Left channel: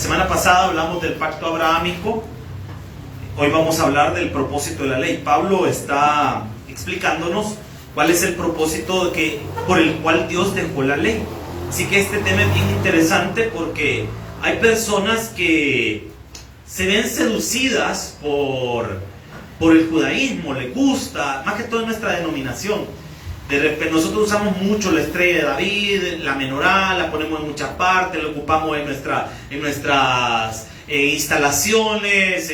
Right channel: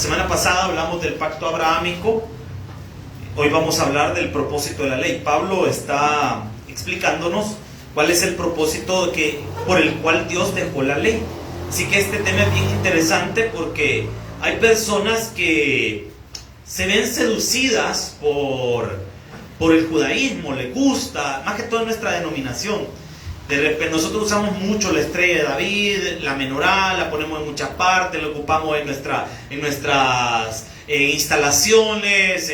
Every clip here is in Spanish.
semana pasada hablamos del pacto abrahámico. Hoy vamos a hablar del propósito de la ley. Pablo está explicándonos cuál es el propósito por el cual Dios dejó la ley. Así que este tema es bien interesante porque hay personas que se ven seducidas por el judaísmo, les gusta, más que todo en nuestra denominación. De repente nosotros usamos mucho la estrella de David, la menorá, la ponemos en muchas partes, la ocupamos en nuestras instalaciones,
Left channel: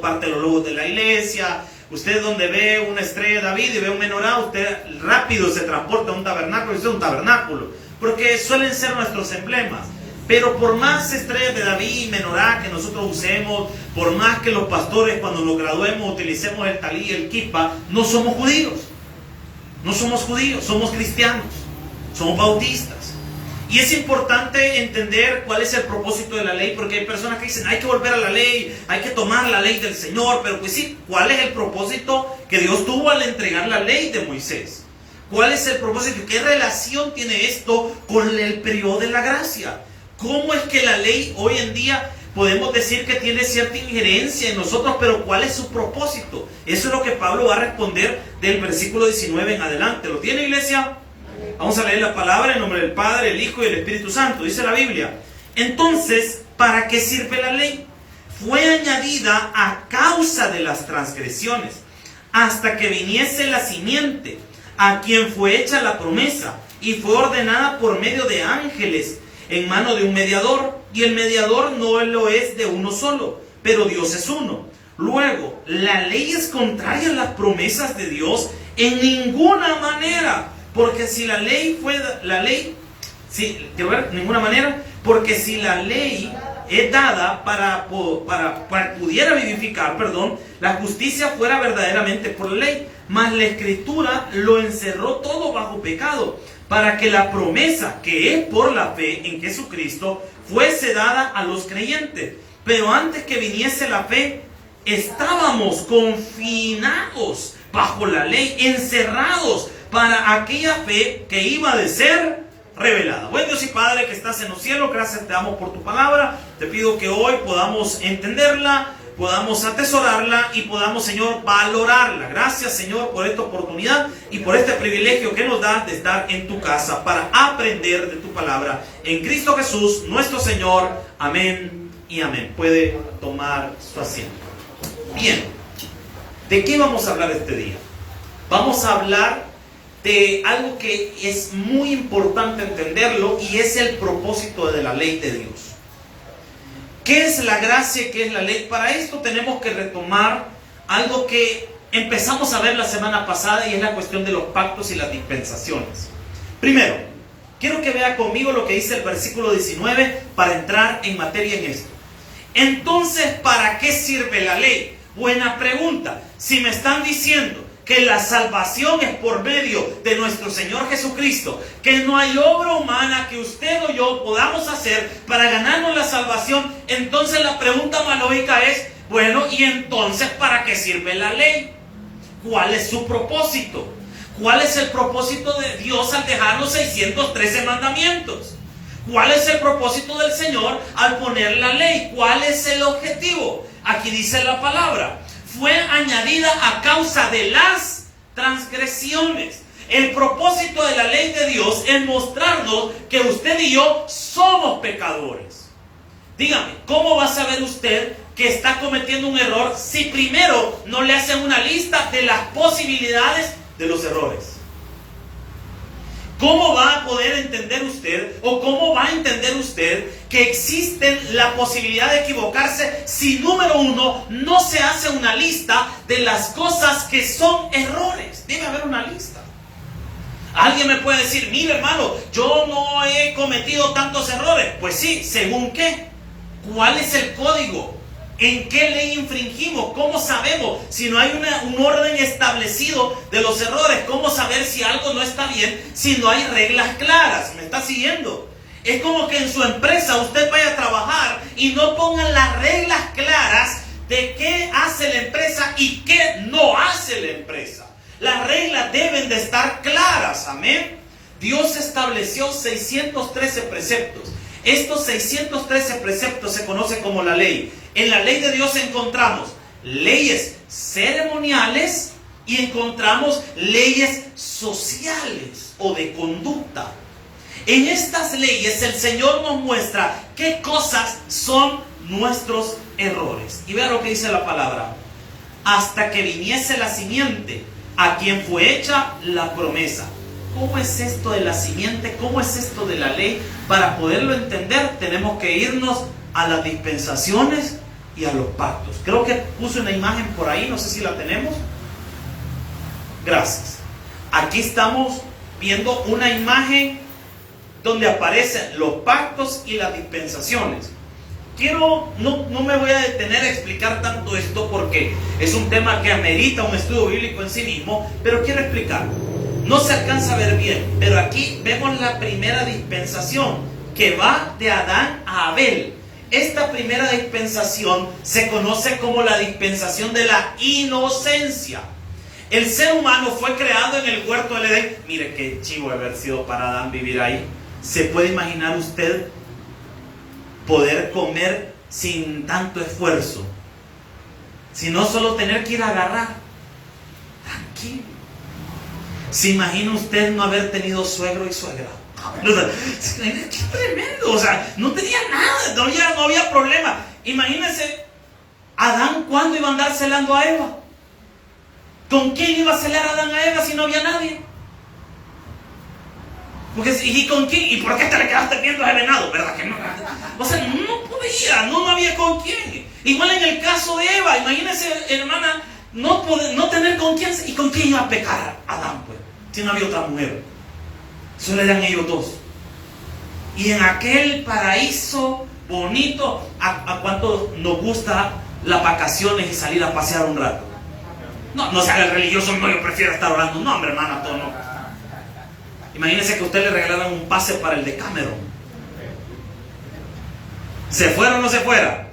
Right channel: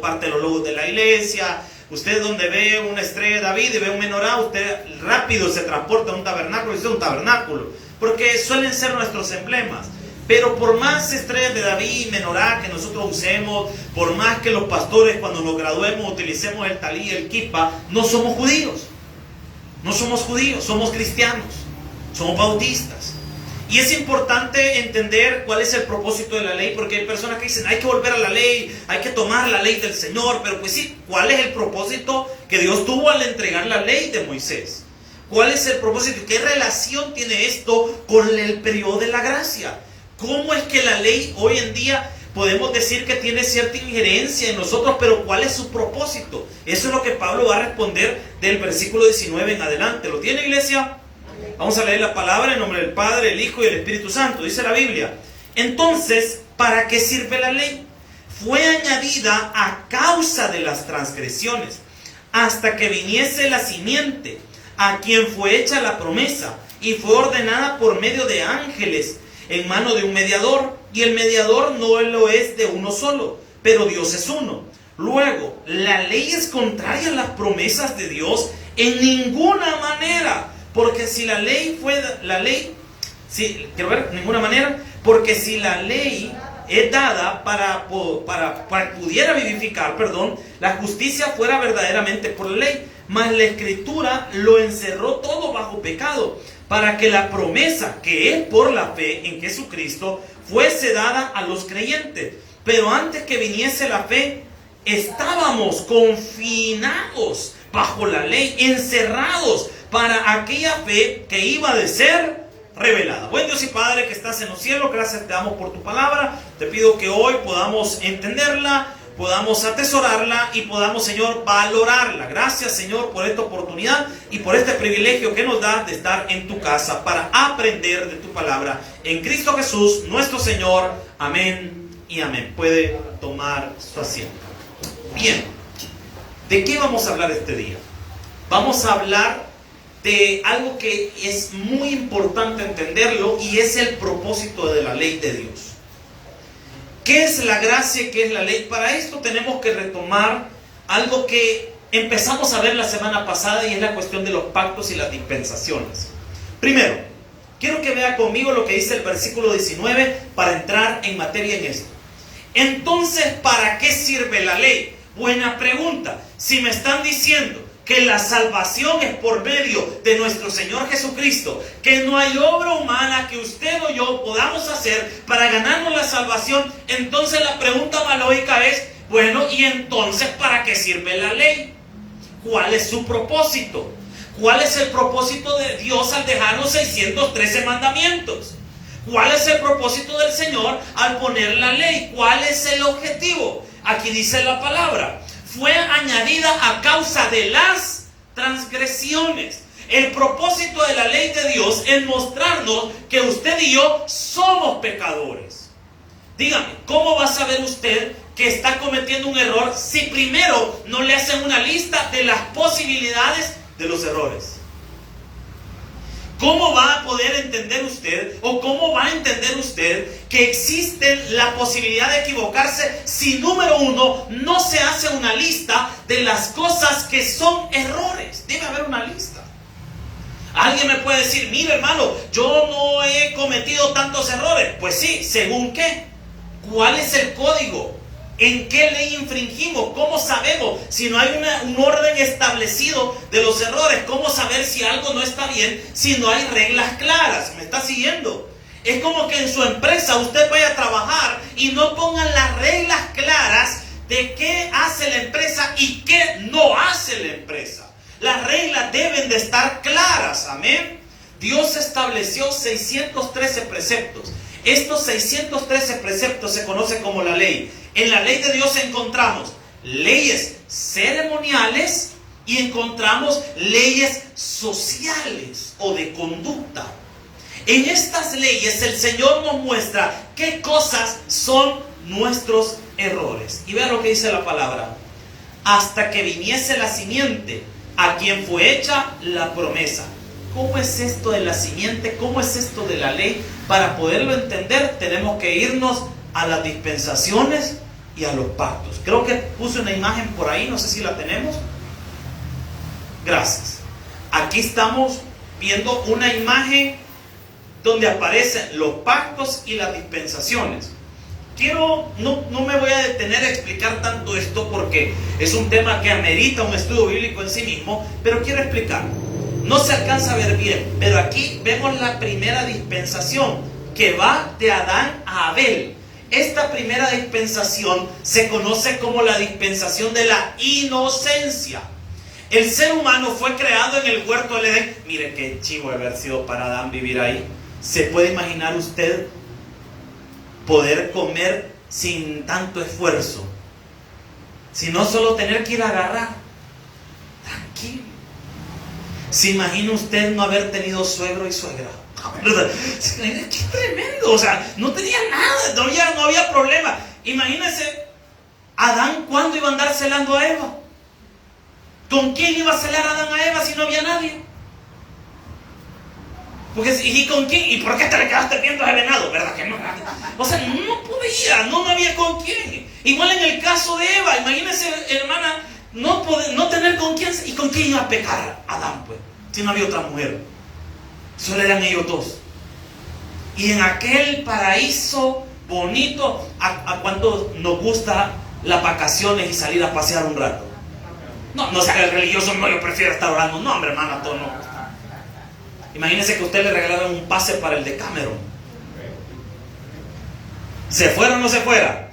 parte de los logos de la iglesia. Usted donde ve una estrella de David y ve un menorá, usted rápido se transporta a un tabernáculo, es un tabernáculo, porque suelen ser nuestros emblemas. Pero por más estrellas de David y menorá que nosotros usemos, por más que los pastores cuando nos graduemos utilicemos el talí y el kippah, no somos judíos. No somos judíos, somos cristianos, somos bautistas. Y es importante entender cuál es el propósito de la ley, porque hay personas que dicen, hay que volver a la ley, hay que tomar la ley del Señor. Pero pues sí, ¿cuál es el propósito que Dios tuvo al entregar la ley de Moisés? ¿Cuál es el propósito? ¿Qué relación tiene esto con el periodo de la gracia? ¿Cómo es que la ley hoy en día podemos decir que tiene cierta injerencia en nosotros, pero cuál es su propósito? Eso es lo que Pablo va a responder del versículo 19 en adelante. ¿Lo tiene, iglesia? Vamos a leer la palabra en nombre del Padre, el Hijo y el Espíritu Santo. Dice la Biblia: entonces, ¿para qué sirve la ley? Fue añadida a causa de las transgresiones, hasta que viniese la simiente, a quien fue hecha la promesa, y fue ordenada por medio de ángeles, en mano de un mediador, y el mediador no lo es de uno solo, pero Dios es uno. Luego, ¿la ley es contraria a las promesas de Dios? En ninguna manera, porque si la ley porque si la ley es dada para pudiera vivificar, la justicia fuera verdaderamente por la ley, mas la Escritura lo encerró todo bajo pecado, para que la promesa, que es por la fe en Jesucristo, fuese dada a los creyentes. Pero antes que viniese la fe, estábamos confinados bajo la ley, encerrados para aquella fe que iba de ser revelada. Buen Dios y Padre que estás en los cielos, gracias te damos por tu palabra. Te pido que hoy podamos entenderla, podamos atesorarla y podamos, Señor, valorarla. Gracias, Señor, por esta oportunidad y por este privilegio que nos das de estar en tu casa para aprender de tu palabra. En Cristo Jesús, nuestro Señor. Amén y amén. Puede tomar su asiento. Bien, ¿de qué vamos a hablar este día? Vamos a hablar de algo que es muy importante entenderlo, y es el propósito de la ley de Dios. ¿Qué es la gracia y qué es la ley? Para esto tenemos que retomar algo que empezamos a ver la semana pasada, y es la cuestión de los pactos y las dispensaciones. Primero, quiero que vea conmigo lo que dice el versículo 19 para entrar en materia en esto. Entonces, ¿para qué sirve la ley? Buena pregunta. Si me están diciendo que la salvación es por medio de nuestro Señor Jesucristo, que no hay obra humana que usted o yo podamos hacer para ganarnos la salvación, entonces la pregunta más lógica es, bueno, ¿y entonces para qué sirve la ley? ¿Cuál es su propósito? ¿Cuál es el propósito de Dios al dejar los 613 mandamientos? ¿Cuál es el propósito del Señor al poner la ley? ¿Cuál es el objetivo? Aquí dice la palabra: fue añadida a causa de las transgresiones. El propósito de la ley de Dios es mostrarnos que usted y yo somos pecadores. Dígame, ¿cómo va a saber usted que está cometiendo un error si primero no le hacen una lista de las posibilidades de los errores? ¿Cómo va a poder entender usted, o cómo va a entender usted que existe la posibilidad de equivocarse si, número uno, no se hace una lista de las cosas que son errores? Debe haber una lista. Alguien me puede decir, mire hermano, yo no he cometido tantos errores. Pues sí, ¿según qué? ¿Cuál es el código? ¿En qué ley infringimos? ¿Cómo sabemos si no hay un orden establecido de los errores? ¿Cómo saber si algo no está bien si no hay reglas claras? ¿Me está siguiendo? Es como que en su empresa usted vaya a trabajar y no pongan las reglas claras de qué hace la empresa y qué no hace la empresa. Las reglas deben de estar claras, amén. Dios estableció 613 preceptos. Estos 613 preceptos se conocen como la ley. En la ley de Dios encontramos leyes ceremoniales y encontramos leyes sociales o de conducta. En estas leyes el Señor nos muestra qué cosas son nuestros errores. Y vean lo que dice la palabra. Hasta que viniese la simiente, a quien fue hecha la promesa. ¿Cómo es esto de la simiente? ¿Cómo es esto de la ley? Para poderlo entender tenemos que irnos a las dispensaciones y a los pactos. Creo que puse una imagen por ahí, no sé si la tenemos. Gracias. Aquí estamos viendo una imagen donde aparecen los pactos y las dispensaciones. No me voy a detener a explicar tanto esto porque es un tema que amerita un estudio bíblico en sí mismo, pero quiero explicar. No se alcanza a ver bien, pero aquí vemos la primera dispensación que va de Adán a Abel. Esta primera dispensación se conoce como la dispensación de la inocencia. El ser humano fue creado en el huerto del Edén. Mire qué chivo haber sido para Adán vivir ahí. ¿Se puede imaginar usted poder comer sin tanto esfuerzo? Sino solo tener que ir a agarrar. Tranquilo. ¿Se imagina usted no haber tenido suegro y suegra? ¡Qué tremendo! O sea, no tenía nada, no había problema. Imagínense, Adán, ¿cuándo iba a andar celando a Eva? ¿Con quién iba a celar Adán a Eva si no había nadie? Porque, ¿y con quién? ¿Y por qué te le quedaste viendo a ese venado? ¿Verdad que no? O sea, no podía, no había con quién. Igual en el caso de Eva, imagínense, hermana, no tener con quién. ¿Y con quién iba a pecar Adán, pues? Si no había otra mujer. Solo eran ellos dos. Y en aquel paraíso bonito, ¿a cuántos nos gusta las vacaciones y salir a pasear un rato? No se haga el religioso, no, yo prefiero estar orando. No, hombre, hermana, todo no. Imagínense que a usted le regalaron un pase para el Decameron. ¿Se fuera o no se fuera?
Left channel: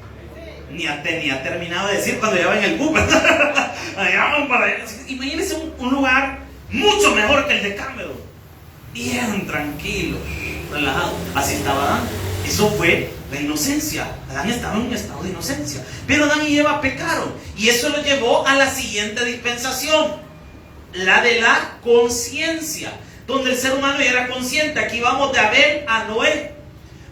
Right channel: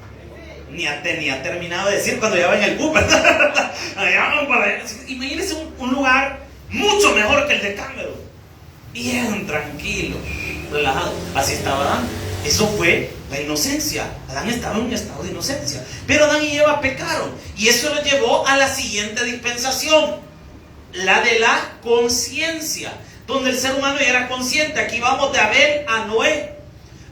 Ni ha terminado de decir cuando ya va en el bus. Imagínense un lugar mucho mejor que el Decameron. Bien tranquilo, relajado. Así estaba Adán. Eso fue la inocencia. Adán estaba en un estado de inocencia. Pero Adán y Eva pecaron. Y eso lo llevó a la siguiente dispensación. La de la conciencia. Donde el ser humano ya era consciente. Aquí vamos de Abel a Noé.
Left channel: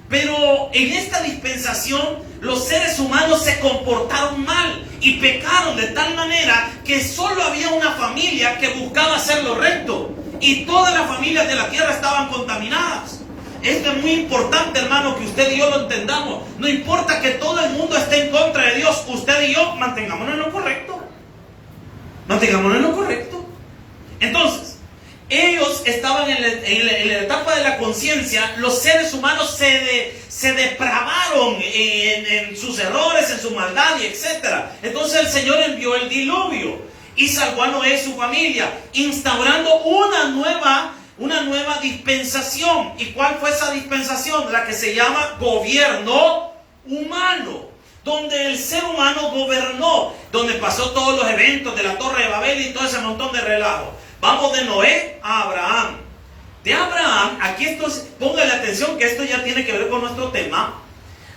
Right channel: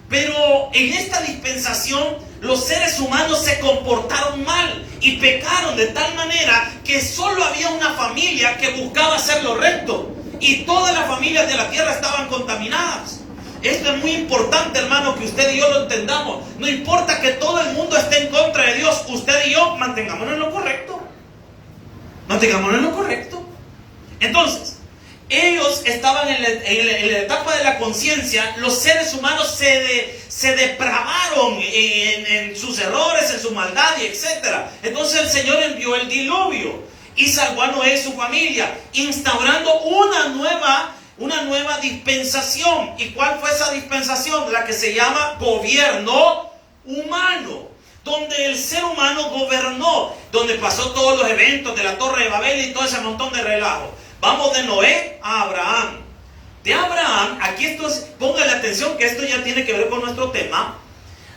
Pero en esta dispensación los seres humanos se comportaron mal y pecaron de tal manera que solo había una familia que buscaba hacer lo recto y todas las familias de la tierra estaban contaminadas. Esto es muy importante, hermano, que usted y yo lo entendamos. No importa que todo el mundo esté en contra de Dios, usted y yo mantengámonos en lo correcto. Mantengámonos en lo correcto. Entonces, ellos estaban en la etapa de la conciencia. Los seres humanos se depravaron en sus errores, en su maldad y etc. Entonces el Señor envió el diluvio y salvó a Noé y su familia, instaurando una nueva dispensación. ¿Y cuál fue esa dispensación? La que se llama gobierno humano, donde el ser humano gobernó, donde pasó todos los eventos de la Torre de Babel y todo ese montón de relajo. Vamos de Noé a Abraham. De Abraham, póngale atención que esto ya tiene que ver con nuestro tema.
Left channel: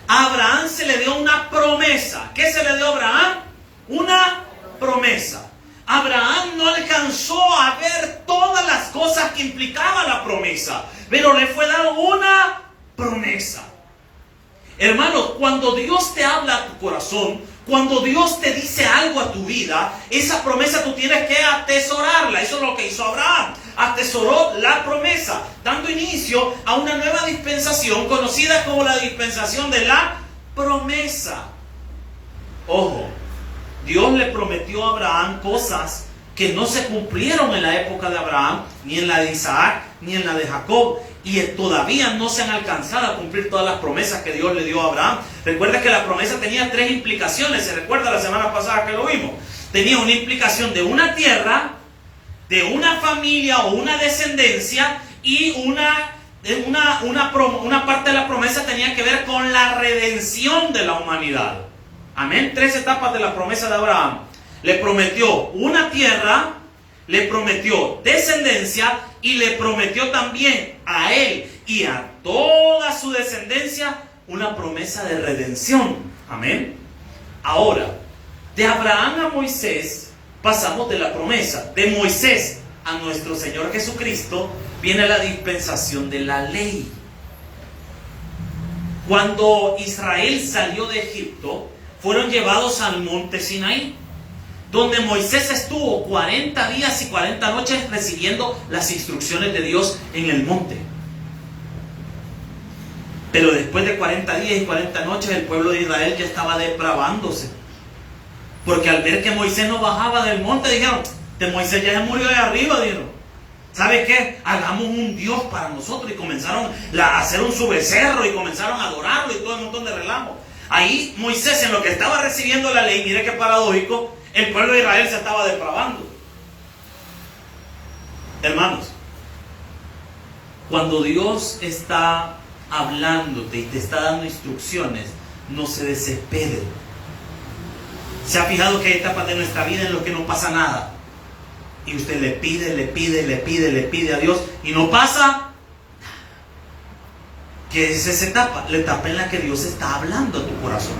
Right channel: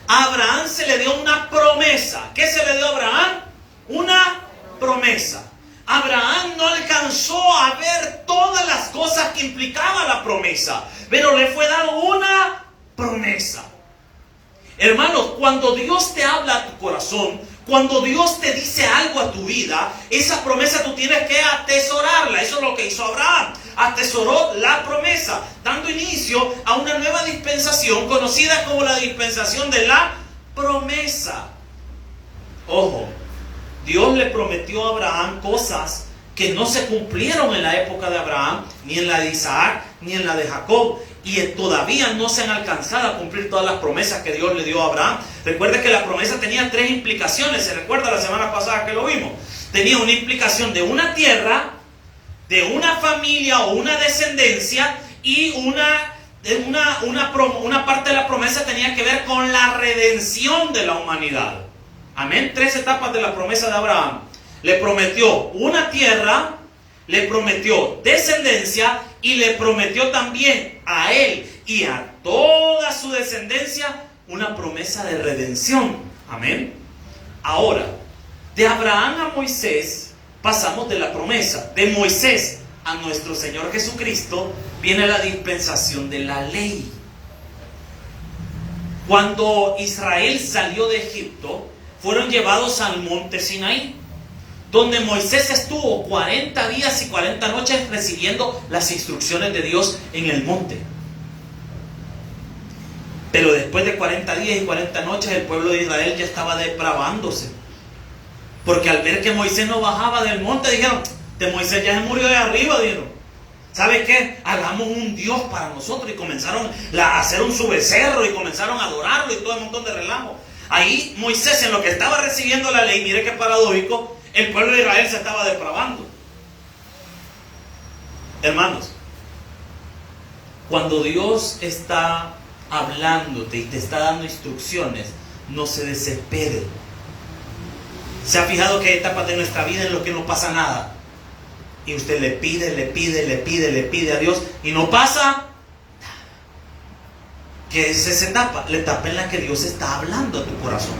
A Abraham se le dio una promesa. ¿Qué se le dio a Abraham? Una promesa. Abraham no alcanzó a ver todas las cosas que implicaba la promesa, pero le fue dada una promesa. Hermanos, cuando Dios te habla a tu corazón, cuando Dios te dice algo a tu vida, esa promesa tú tienes que atesorarla. Eso es lo que hizo Abraham. Atesoró la promesa, dando inicio a una nueva dispensación conocida como la dispensación de la promesa. Ojo, Dios le prometió a Abraham cosas que no se cumplieron en la época de Abraham, ni en la de Isaac, ni en la de Jacob, y todavía no se han alcanzado a cumplir todas las promesas que Dios le dio a Abraham. Recuerda que la promesa tenía 3 implicaciones. ¿Se recuerda la semana pasada que lo vimos? Tenía una implicación de una tierra, de una familia o una descendencia, y una parte de la promesa tenía que ver con la redención de la humanidad. Amén. 3 etapas de la promesa de Abraham. Le prometió una tierra, le prometió descendencia y le prometió también a él y a toda su descendencia una promesa de redención. Amén. Ahora, de Abraham a Moisés pasamos de la promesa. De Moisés a nuestro Señor Jesucristo viene la dispensación de la ley. Cuando Israel salió de Egipto, fueron llevados al monte Sinaí, donde Moisés estuvo 40 días y 40 noches recibiendo las instrucciones de Dios en el monte. Pero después de 40 días y 40 noches el pueblo de Israel ya estaba depravándose, porque al ver que Moisés no bajaba del monte, dijeron: de Moisés ya se murió de arriba, dijeron. ¿Sabe qué? Hagamos un Dios para nosotros. Y comenzaron a hacer un su becerro y comenzaron a adorarlo y todo un montón de relajo. Ahí Moisés, en lo que estaba recibiendo la ley, mire qué paradójico, el pueblo de Israel se estaba depravando. Hermanos, cuando Dios está hablándote y te está dando instrucciones, no se desespere. ¿Se ha fijado que hay etapas de nuestra vida en las que no pasa nada? Y usted le pide a Dios y no pasa. ¿Qué es esa etapa? La etapa en la que Dios está hablando a tu corazón,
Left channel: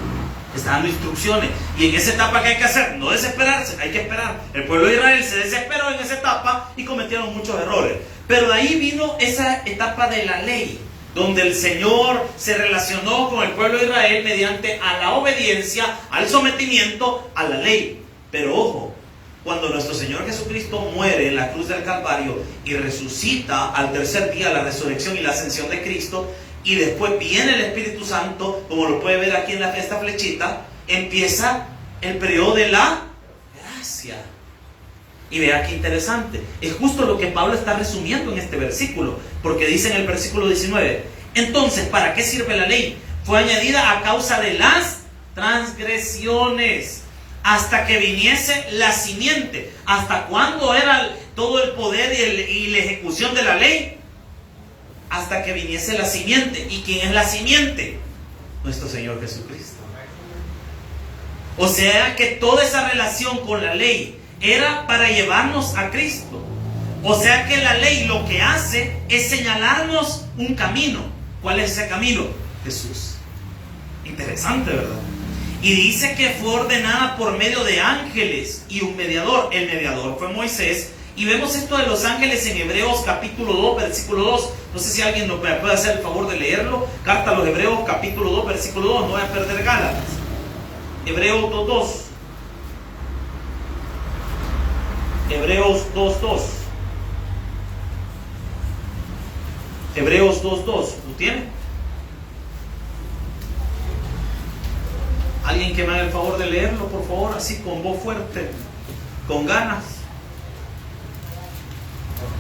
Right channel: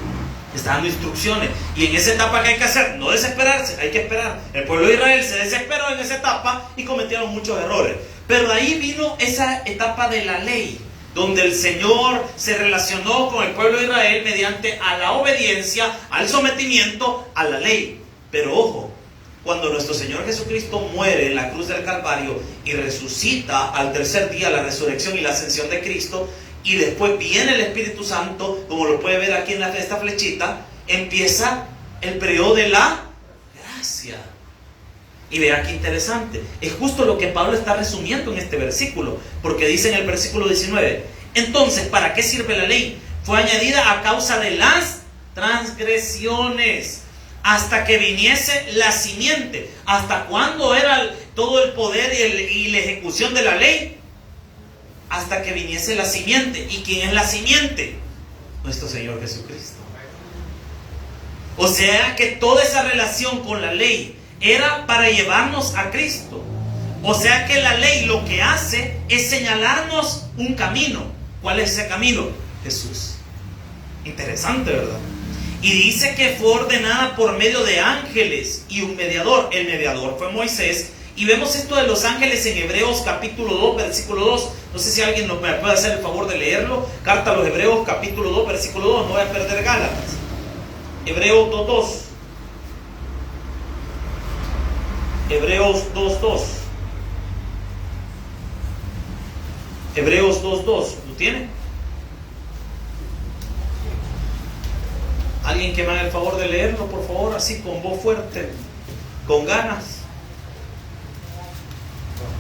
está dando instrucciones. Y en esa etapa, ¿qué hay que hacer? No desesperarse, hay que esperar. El pueblo de Israel se desesperó en esa etapa y cometieron muchos errores. Pero de ahí vino esa etapa de la ley, donde el Señor se relacionó con el pueblo de Israel mediante a la obediencia, al sometimiento a la ley. Pero ojo, cuando nuestro Señor Jesucristo muere en la cruz del Calvario y resucita al tercer día, la resurrección y la ascensión de Cristo, y después viene el Espíritu Santo, como lo puede ver aquí en esta flechita, empieza el periodo de la gracia. Y vea qué interesante, es justo lo que Pablo está resumiendo en este versículo, porque dice en el versículo 19: entonces, ¿para qué sirve la ley? Fue añadida a causa de las transgresiones, hasta que viniese la simiente. ¿Hasta cuándo era todo el poder y la ejecución de la ley? Hasta que viniese la simiente. ¿Y quién es la simiente? Nuestro Señor Jesucristo. O sea que toda esa relación con la ley era para llevarnos a Cristo. O sea que la ley lo que hace es señalarnos un camino. ¿Cuál es ese camino? Jesús. Interesante, ¿verdad? Y dice que fue ordenada por medio de ángeles y un mediador. El mediador fue Moisés. Y vemos esto de los ángeles en Hebreos capítulo 2, versículo 2. No sé si alguien me puede hacer el favor de leerlo. Carta a los Hebreos capítulo 2, versículo 2. No voy a perder Gálatas. Hebreos 2.2. Hebreos 2.2. Hebreos 2.2. ¿Lo tiene? Alguien que me haga el favor de leerlo, por favor, así con voz fuerte, con ganas.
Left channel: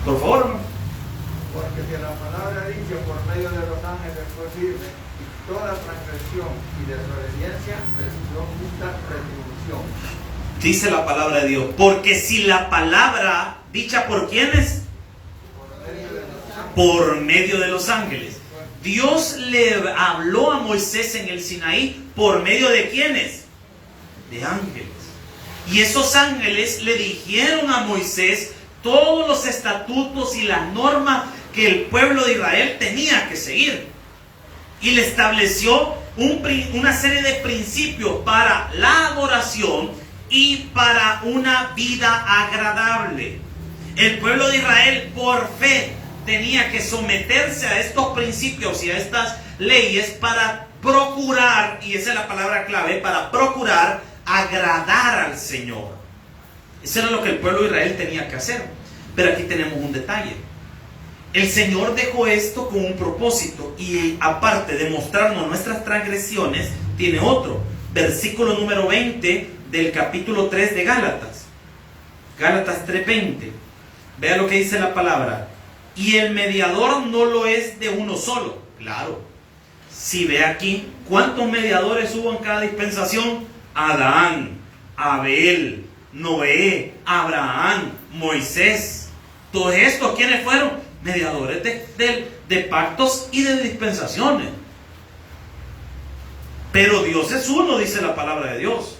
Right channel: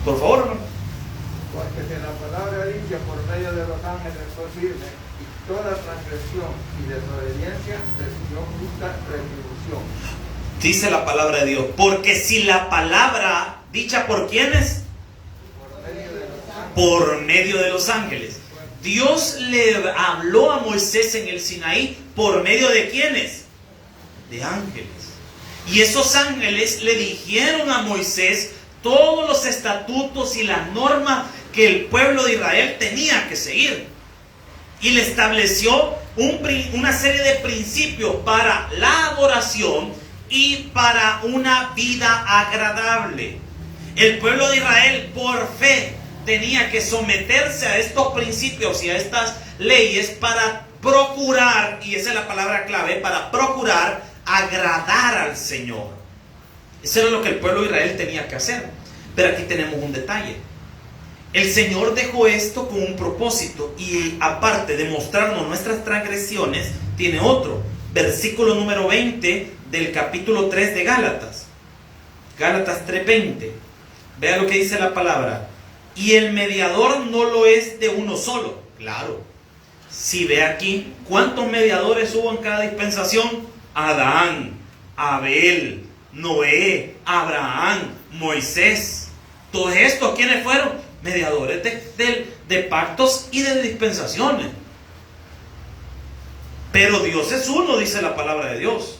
Por favor, hermano. Porque si la palabra dice por medio de los ángeles fue firme, y toda transgresión y desobediencia recibió justa retribución. Dice la palabra de Dios, porque si la palabra dicha por quiénes, por medio de los ángeles. Dios le habló a Moisés en el Sinaí por medio de quiénes, de ángeles. Y esos ángeles le dijeron a Moisés todos los estatutos y las normas que el pueblo de Israel tenía que seguir. Y le estableció una serie de principios para la adoración y para una vida agradable. El pueblo de Israel, por fe, tenía que someterse a estos principios y a estas leyes para procurar, y esa es la palabra clave, para procurar agradar al Señor. Eso era lo que el pueblo de Israel tenía que hacer. Pero aquí tenemos un detalle. El Señor dejó esto con un propósito, y aparte de mostrarnos nuestras transgresiones, tiene otro. Versículo número 20 del capítulo 3 de Gálatas. Gálatas 3:20. Vea lo que dice la palabra. Y el mediador no lo es de uno solo. Claro. Si ve aquí, ¿cuántos mediadores hubo en cada dispensación? Adán, Abel, Noé, Abraham, Moisés. Todos estos, ¿quiénes fueron? Mediadores de pactos y de dispensaciones. Pero Dios es uno, dice la palabra de Dios.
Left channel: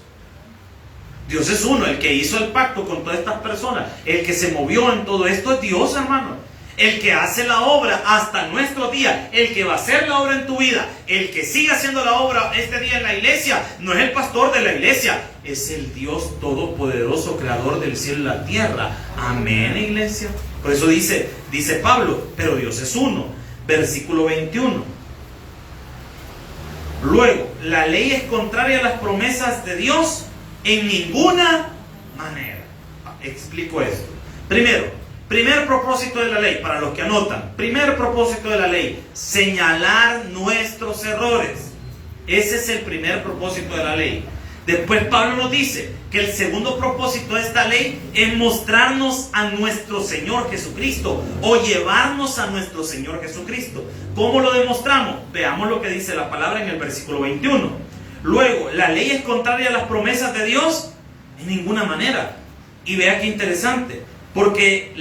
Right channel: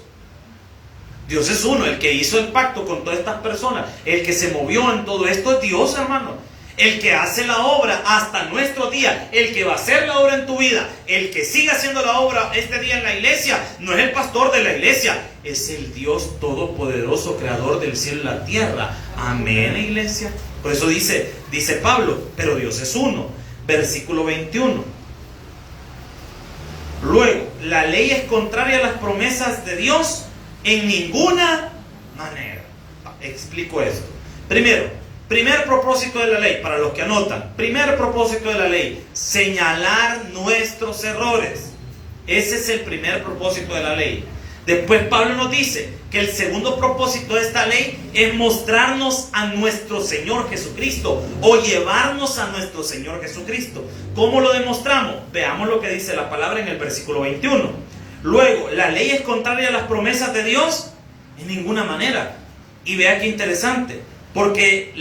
Dios es uno, el que hizo el pacto con todas estas personas, el que se movió en todo esto es Dios, hermano. El que hace la obra hasta nuestro día, el que va a hacer la obra en tu vida, el que sigue haciendo la obra este día en la iglesia, no es el pastor de la iglesia, es el Dios todopoderoso, creador del cielo y la tierra. Amén, iglesia. Por eso dice Pablo, pero Dios es uno. Versículo 21. Luego, la ley es contraria a las promesas de Dios en ninguna manera. Explico esto. Primer propósito de la ley, para los que anotan, primer propósito de la ley, señalar nuestros errores. Ese es el primer propósito de la ley. Después Pablo nos dice que el segundo propósito de esta ley es mostrarnos a nuestro Señor Jesucristo, o llevarnos a nuestro Señor Jesucristo. ¿Cómo lo demostramos? Veamos lo que dice la palabra en el versículo 21. Luego, ¿la ley es contraria a las promesas de Dios? En ninguna manera. Y vea qué interesante. Porque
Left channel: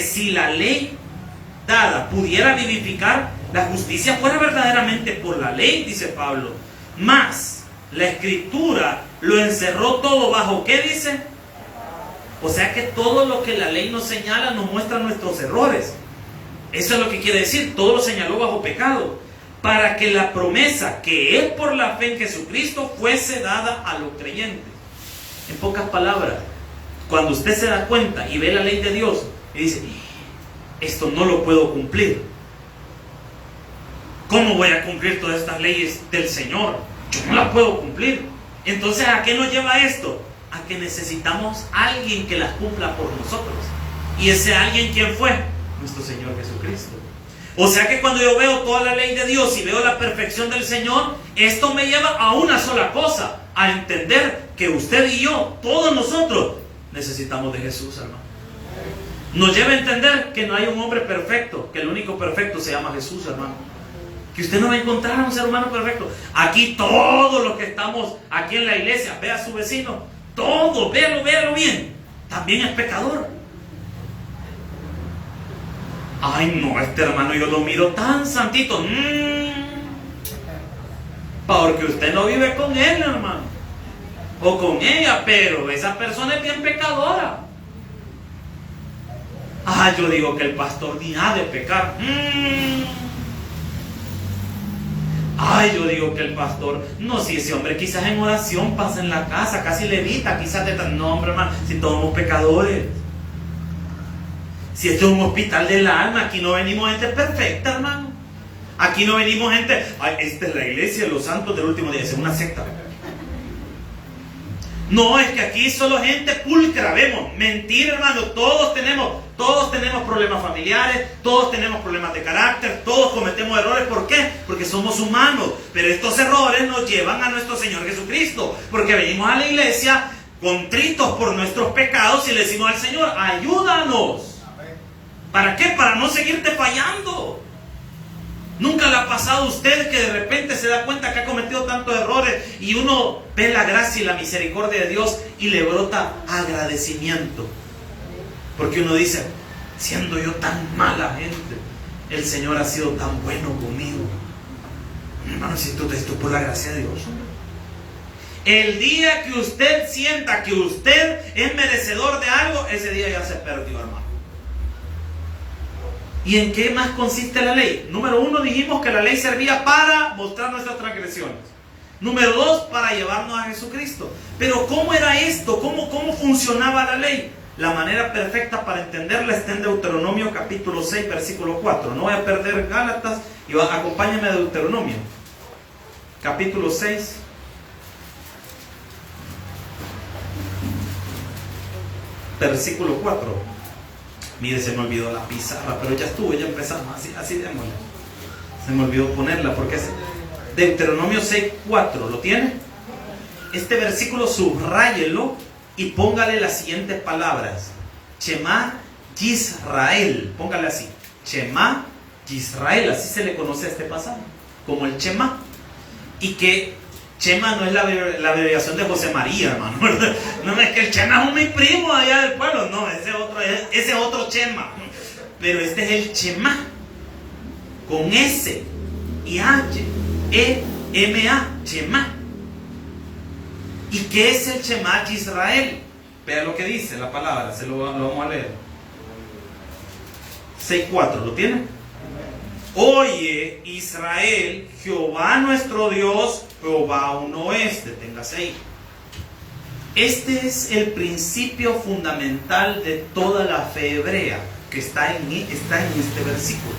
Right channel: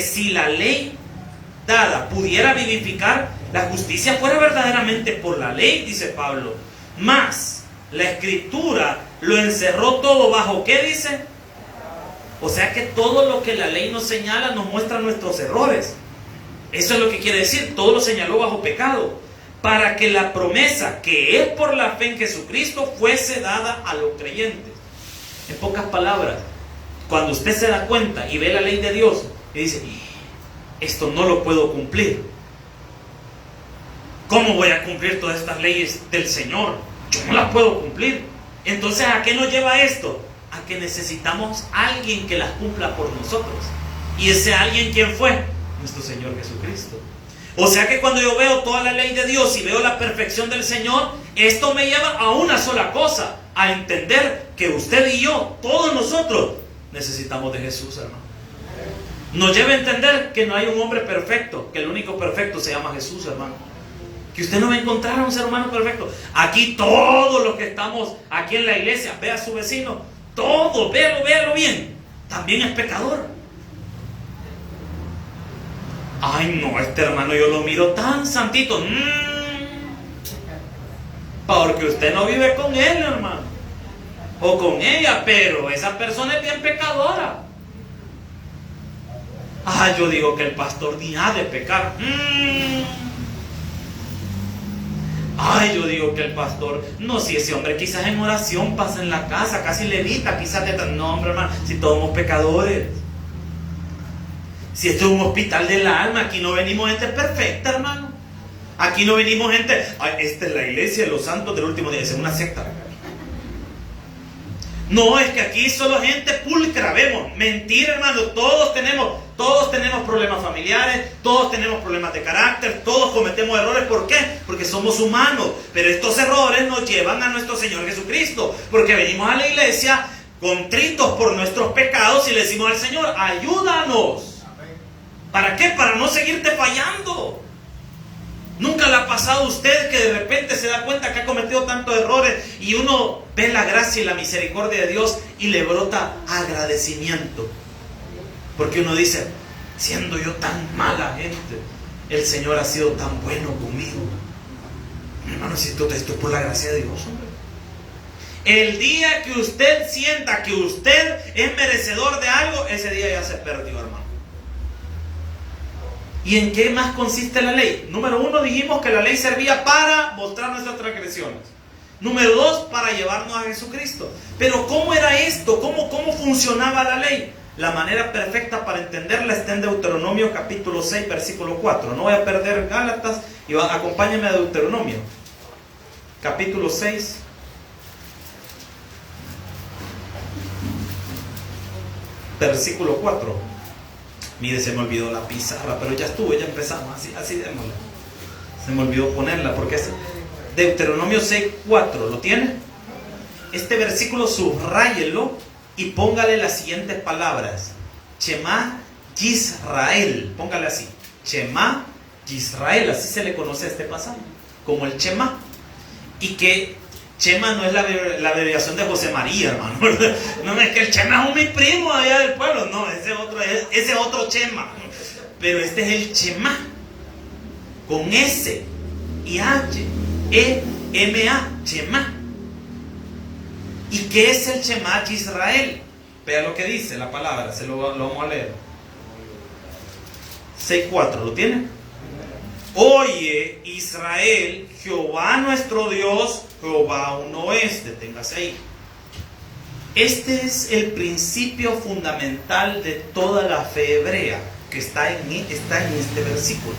si la ley dada pudiera vivificar, la justicia fuera verdaderamente por la ley, dice Pablo. Mas la Escritura lo encerró todo bajo, ¿qué dice? O sea que todo lo que la ley nos señala nos muestra nuestros errores. Eso es lo que quiere decir, todo lo señaló bajo pecado, para que la promesa que es por la fe en Jesucristo fuese dada a los creyentes. En pocas palabras, cuando usted se da cuenta y ve la ley de Dios y dice, esto no lo puedo cumplir, ¿cómo voy a cumplir todas estas leyes del Señor? Yo no las puedo cumplir. Entonces, ¿a qué nos lleva esto? A que necesitamos a alguien que las cumpla por nosotros. ¿Y ese alguien quién fue? Nuestro Señor Jesucristo. O sea que cuando yo veo toda la ley de Dios y veo la perfección del Señor, esto me lleva a una sola cosa, a entender que usted y yo, todos nosotros, necesitamos de Jesús, hermano. Nos lleva a entender que no hay un hombre perfecto, que el único perfecto se llama Jesús, hermano. Que usted no va a encontrar a un ser humano perfecto. Aquí todos los que estamos aquí en la iglesia, vea a su vecino, todo, véalo bien, también es pecador. Ay no, este hermano yo lo miro tan santito. Porque usted no vive con él, hermano, o con ella, pero esa persona es bien pecadora. Yo digo que el pastor ni ha de pecar. Yo digo que el pastor, no, si ese hombre quizás en oración pasa en la casa, casi levita, quizás no, hombre, hermano, si todos somos pecadores. Si esto es un hospital del alma, aquí no venimos gente perfecta, hermano. Aquí no venimos gente, esta es la iglesia de los santos del último día, es una secta. No, es que aquí solo gente pulcra vemos. Mentira, hermano, todos tenemos problemas familiares, todos tenemos problemas de carácter, todos cometemos errores. ¿Por qué? Porque somos humanos. Pero estos errores nos llevan a nuestro Señor Jesucristo, porque venimos a la iglesia contritos por nuestros pecados y le decimos al Señor, ayúdanos. ¿Para qué? Para no seguirte fallando. ¿Nunca le ha pasado a usted que de repente se da cuenta que ha cometido tantos errores y uno ve la gracia y la misericordia de Dios y le brota agradecimiento? Porque uno dice, siendo yo tan mala gente, el Señor ha sido tan bueno conmigo. Hermano, si esto es por la gracia de Dios, hombre. El día que usted sienta que usted es merecedor de algo, ese día ya se perdió, hermano. ¿Y en qué más consiste la ley? Número 1, dijimos que la ley servía para mostrar nuestras transgresiones. Número 2, para llevarnos a Jesucristo. Pero ¿cómo era esto? ¿Cómo funcionaba la ley? La manera perfecta para entenderla está en Deuteronomio capítulo 6, versículo 4. No voy a perder Gálatas y acompáñenme a Deuteronomio. Capítulo 6. Versículo 4. Mire, se me olvidó la pizarra, pero ya estuvo, ya empezamos, así démosle. Se me olvidó ponerla, porque es Deuteronomio 6:4, ¿lo tiene? Este versículo subráyelo y póngale las siguientes palabras. Shema Yisrael, póngale así. Shema Yisrael, así se le conoce a este pasaje, como el Shema. Y que Chema no es la abreviación de José María, hermano. No es que el Chema es mi primo allá del pueblo. No, ese otro Chema. Pero este es el Chema. Con S y H, E, M, A, Chema. ¿Y qué es el Chema Israel? Vean lo que dice la palabra, lo vamos a leer. 6:4, ¿lo tienen? Oye, Israel, Jehová nuestro Dios, Jehová uno es. Deténgase ahí. Este es el principio fundamental de toda la fe hebrea que está en este versículo.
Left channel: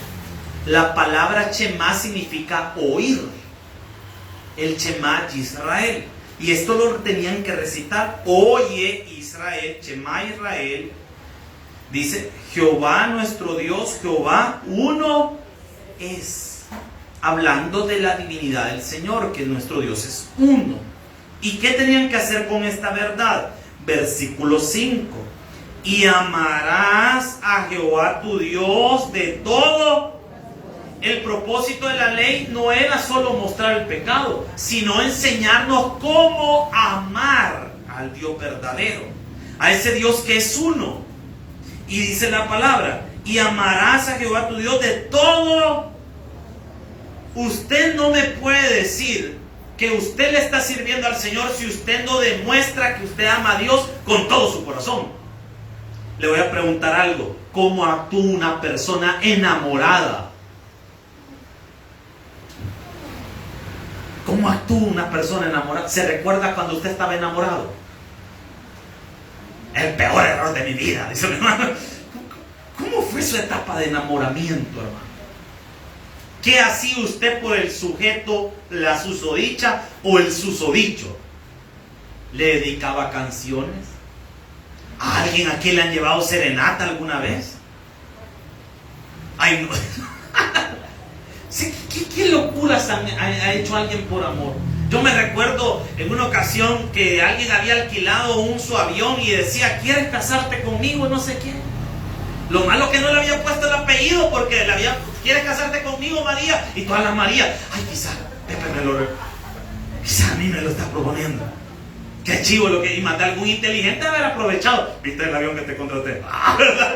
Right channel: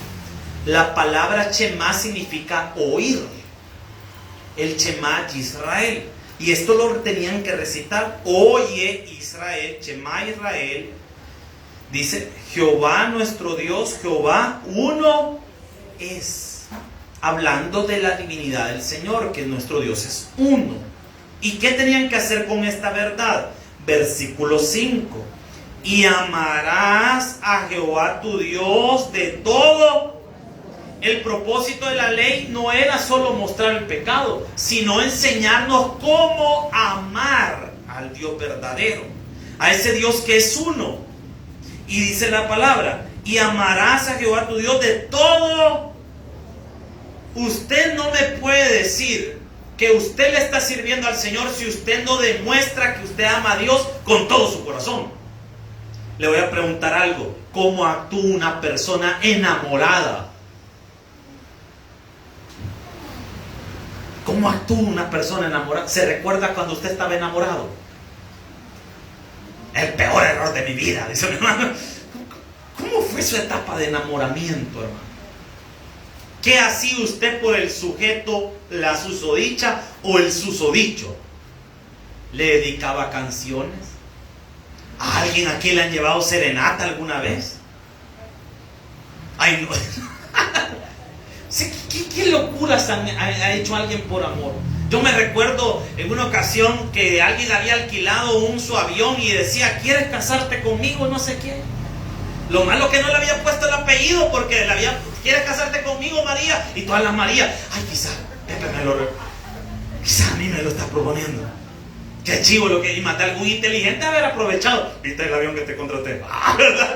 La palabra Shema significa oír. El Shema Israel. Y esto lo tenían que recitar. Oye Israel, Shema Israel. Dice, Jehová nuestro Dios, Jehová uno es. Hablando de la divinidad del Señor, que nuestro Dios es uno. ¿Y qué tenían que hacer con esta verdad? Versículo 5. Y amarás a Jehová tu Dios de todo. El propósito de la ley no era solo mostrar el pecado, sino enseñarnos cómo amar al Dios verdadero, a ese Dios que es uno. Y dice la palabra, y amarás a Jehová tu Dios de todo. Usted no me puede decir que usted le está sirviendo al Señor si usted no demuestra que usted ama a Dios con todo su corazón. Le voy a preguntar algo. ¿Cómo actúa una persona enamorada? ¿Cómo actúa una persona enamorada? ¿Se recuerda cuando usted estaba enamorado? El peor error de mi vida, dice mi hermano. ¿Cómo fue su etapa de enamoramiento, hermano? ¿Qué hacía usted por el sujeto, la susodicha o el susodicho? ¿Le dedicaba canciones? ¿A alguien aquí le han llevado serenata alguna vez? Ay, no. ¿Qué locuras ha hecho alguien por amor? Yo me recuerdo en una ocasión que alguien había alquilado su avión y decía, ¿quieres casarte conmigo? No sé quién. Lo malo que no le había puesto el apellido porque ¿quieres casarte conmigo, María? Y todas las Marías, ay, quizás a mí me lo está proponiendo. Qué chivo lo que, y más de algún inteligente haber aprovechado. ¿Viste el avión que te contraté? ¿Verdad?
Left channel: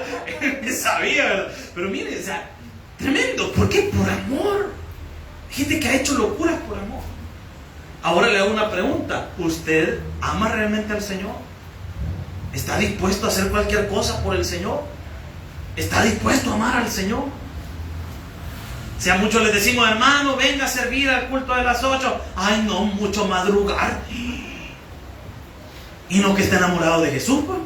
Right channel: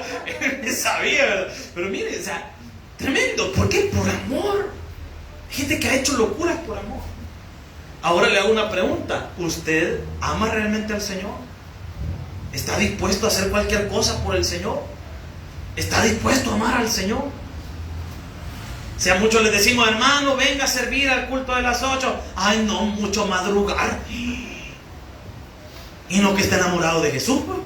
Ni sabía, ¿verdad? Pero mire, o sea, tremendo. ¿Por qué? Por amor. Hay gente que ha hecho locuras por amor. Ahora le hago una pregunta. ¿Usted ama realmente al Señor? ¿Está dispuesto a hacer cualquier cosa por el Señor? ¿Está dispuesto a amar al Señor? Si a muchos les decimos, hermano, venga a servir al culto de las 8. Ay, no, mucho madrugar. Y no que esté enamorado de Jesús, pues.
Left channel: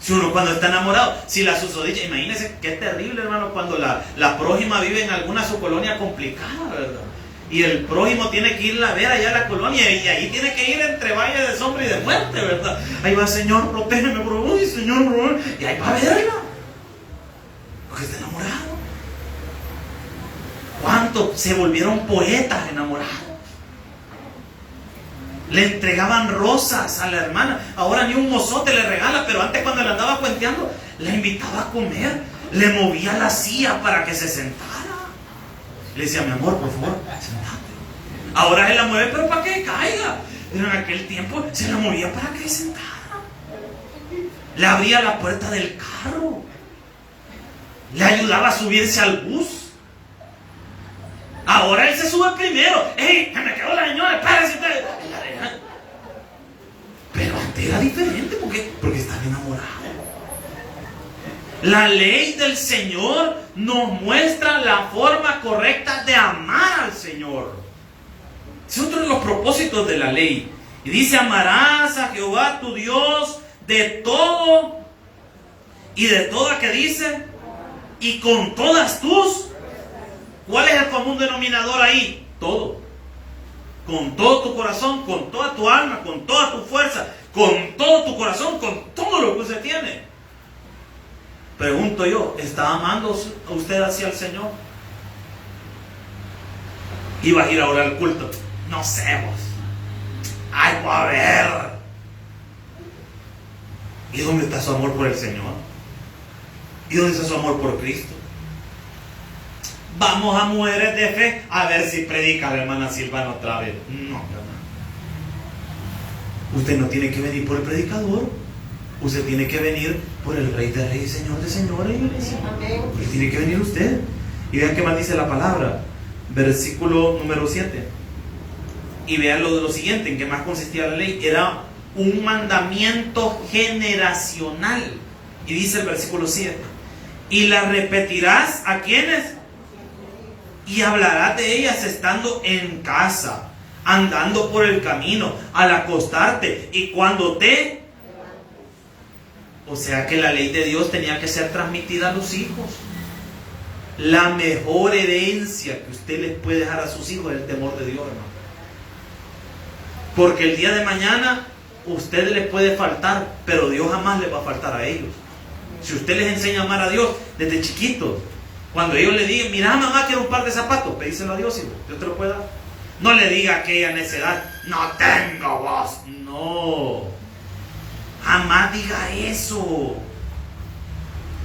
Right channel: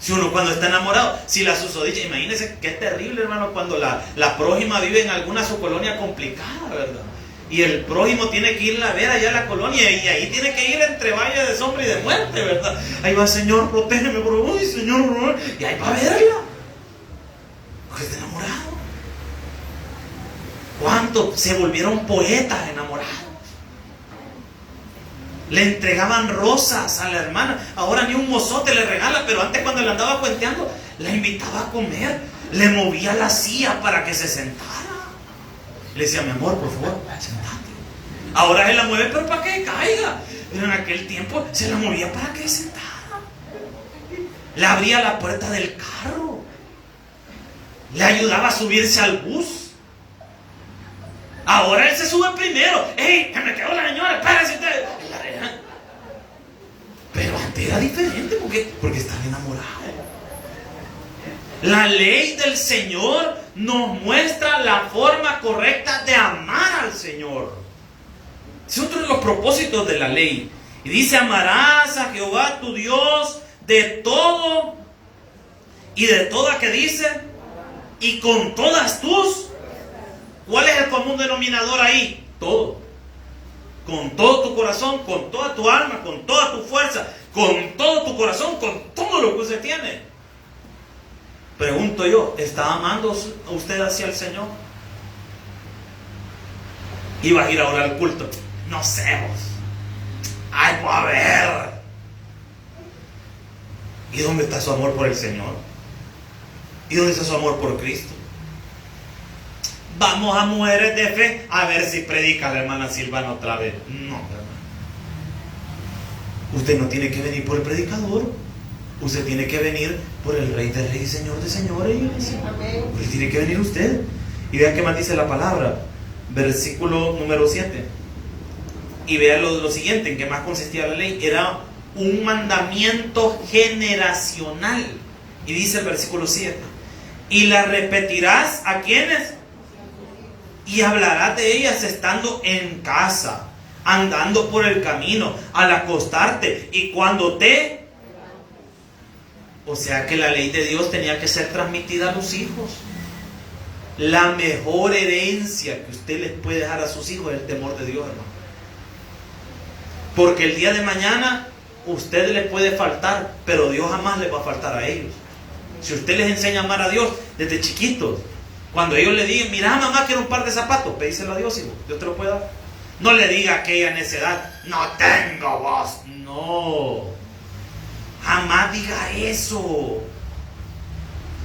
Si uno cuando está enamorado, si la susodicha, imagínense qué terrible, hermano, cuando la prójima vive en alguna su colonia complicada, ¿verdad? Y el prójimo tiene que irla a ver allá a la colonia y ahí tiene que ir entre valle de sombra y de muerte, ¿verdad? Ahí va, Señor, protégeme, bro. Uy, Señor, bro. Y ahí va a verla. Porque está enamorado. ¿Cuántos se volvieron poetas enamorados? Le entregaban rosas a la hermana. Ahora ni un mozote le regala, pero antes cuando le andaba cuenteando, la invitaba a comer. Le movía la silla para que se sentara. Le decía, mi amor, por favor, sentate. Ahora se la mueve, pero para que caiga. Pero en aquel tiempo se la movía para que se sentara. Le abría la puerta del carro. Le ayudaba a subirse al bus. Ahora él se sube primero. ¡Ey! Me quedó la señora, espérese usted. Pero antes era diferente porque estaba enamorado. La ley del Señor nos muestra la forma correcta de amar al Señor. Es otro de los propósitos de la ley. Y dice, amarás a Jehová tu Dios de todo. Y de toda que dice, y con todas tus. ¿Cuál es el común denominador ahí? Todo. Con todo tu corazón, con toda tu alma, con toda tu fuerza, con todo tu corazón, con todo lo que usted tiene. Pregunto yo, ¿está amando usted hacia el Señor? Iba a ir ahora al culto. No sé vos. Ay, voy a ver. ¿Y dónde está su amor por el Señor? ¿Y dónde está su amor por Cristo? Vamos a Mujeres de Fe a ver si predica la hermana Silvana otra vez. No, hermano. Usted no tiene que venir por el predicador. Usted tiene que venir por el Rey de Reyes, Señor de Señores. Usted tiene que venir usted. Y vean qué más dice la palabra. Versículo número 7. Y vean lo siguiente, en qué más consistía la ley. Era un mandamiento generacional. Y dice el versículo 7. Y las repetirás ¿a quiénes? Y hablarás de ellas estando en casa, andando por el camino, al acostarte y cuando te... O sea que la ley de Dios tenía que ser transmitida a los hijos. La mejor herencia que usted les puede dejar a sus hijos es el temor de Dios, hermano. Porque el día de mañana usted les puede faltar, pero Dios jamás les va a faltar a ellos. Si usted les enseña a amar a Dios desde chiquitos, cuando ellos le digan, mira mamá, quiero un par de zapatos, pedíselo a Dios, hijo, Dios te lo puede dar. No le diga a aquella necedad, no tengo vos. No, jamás diga eso.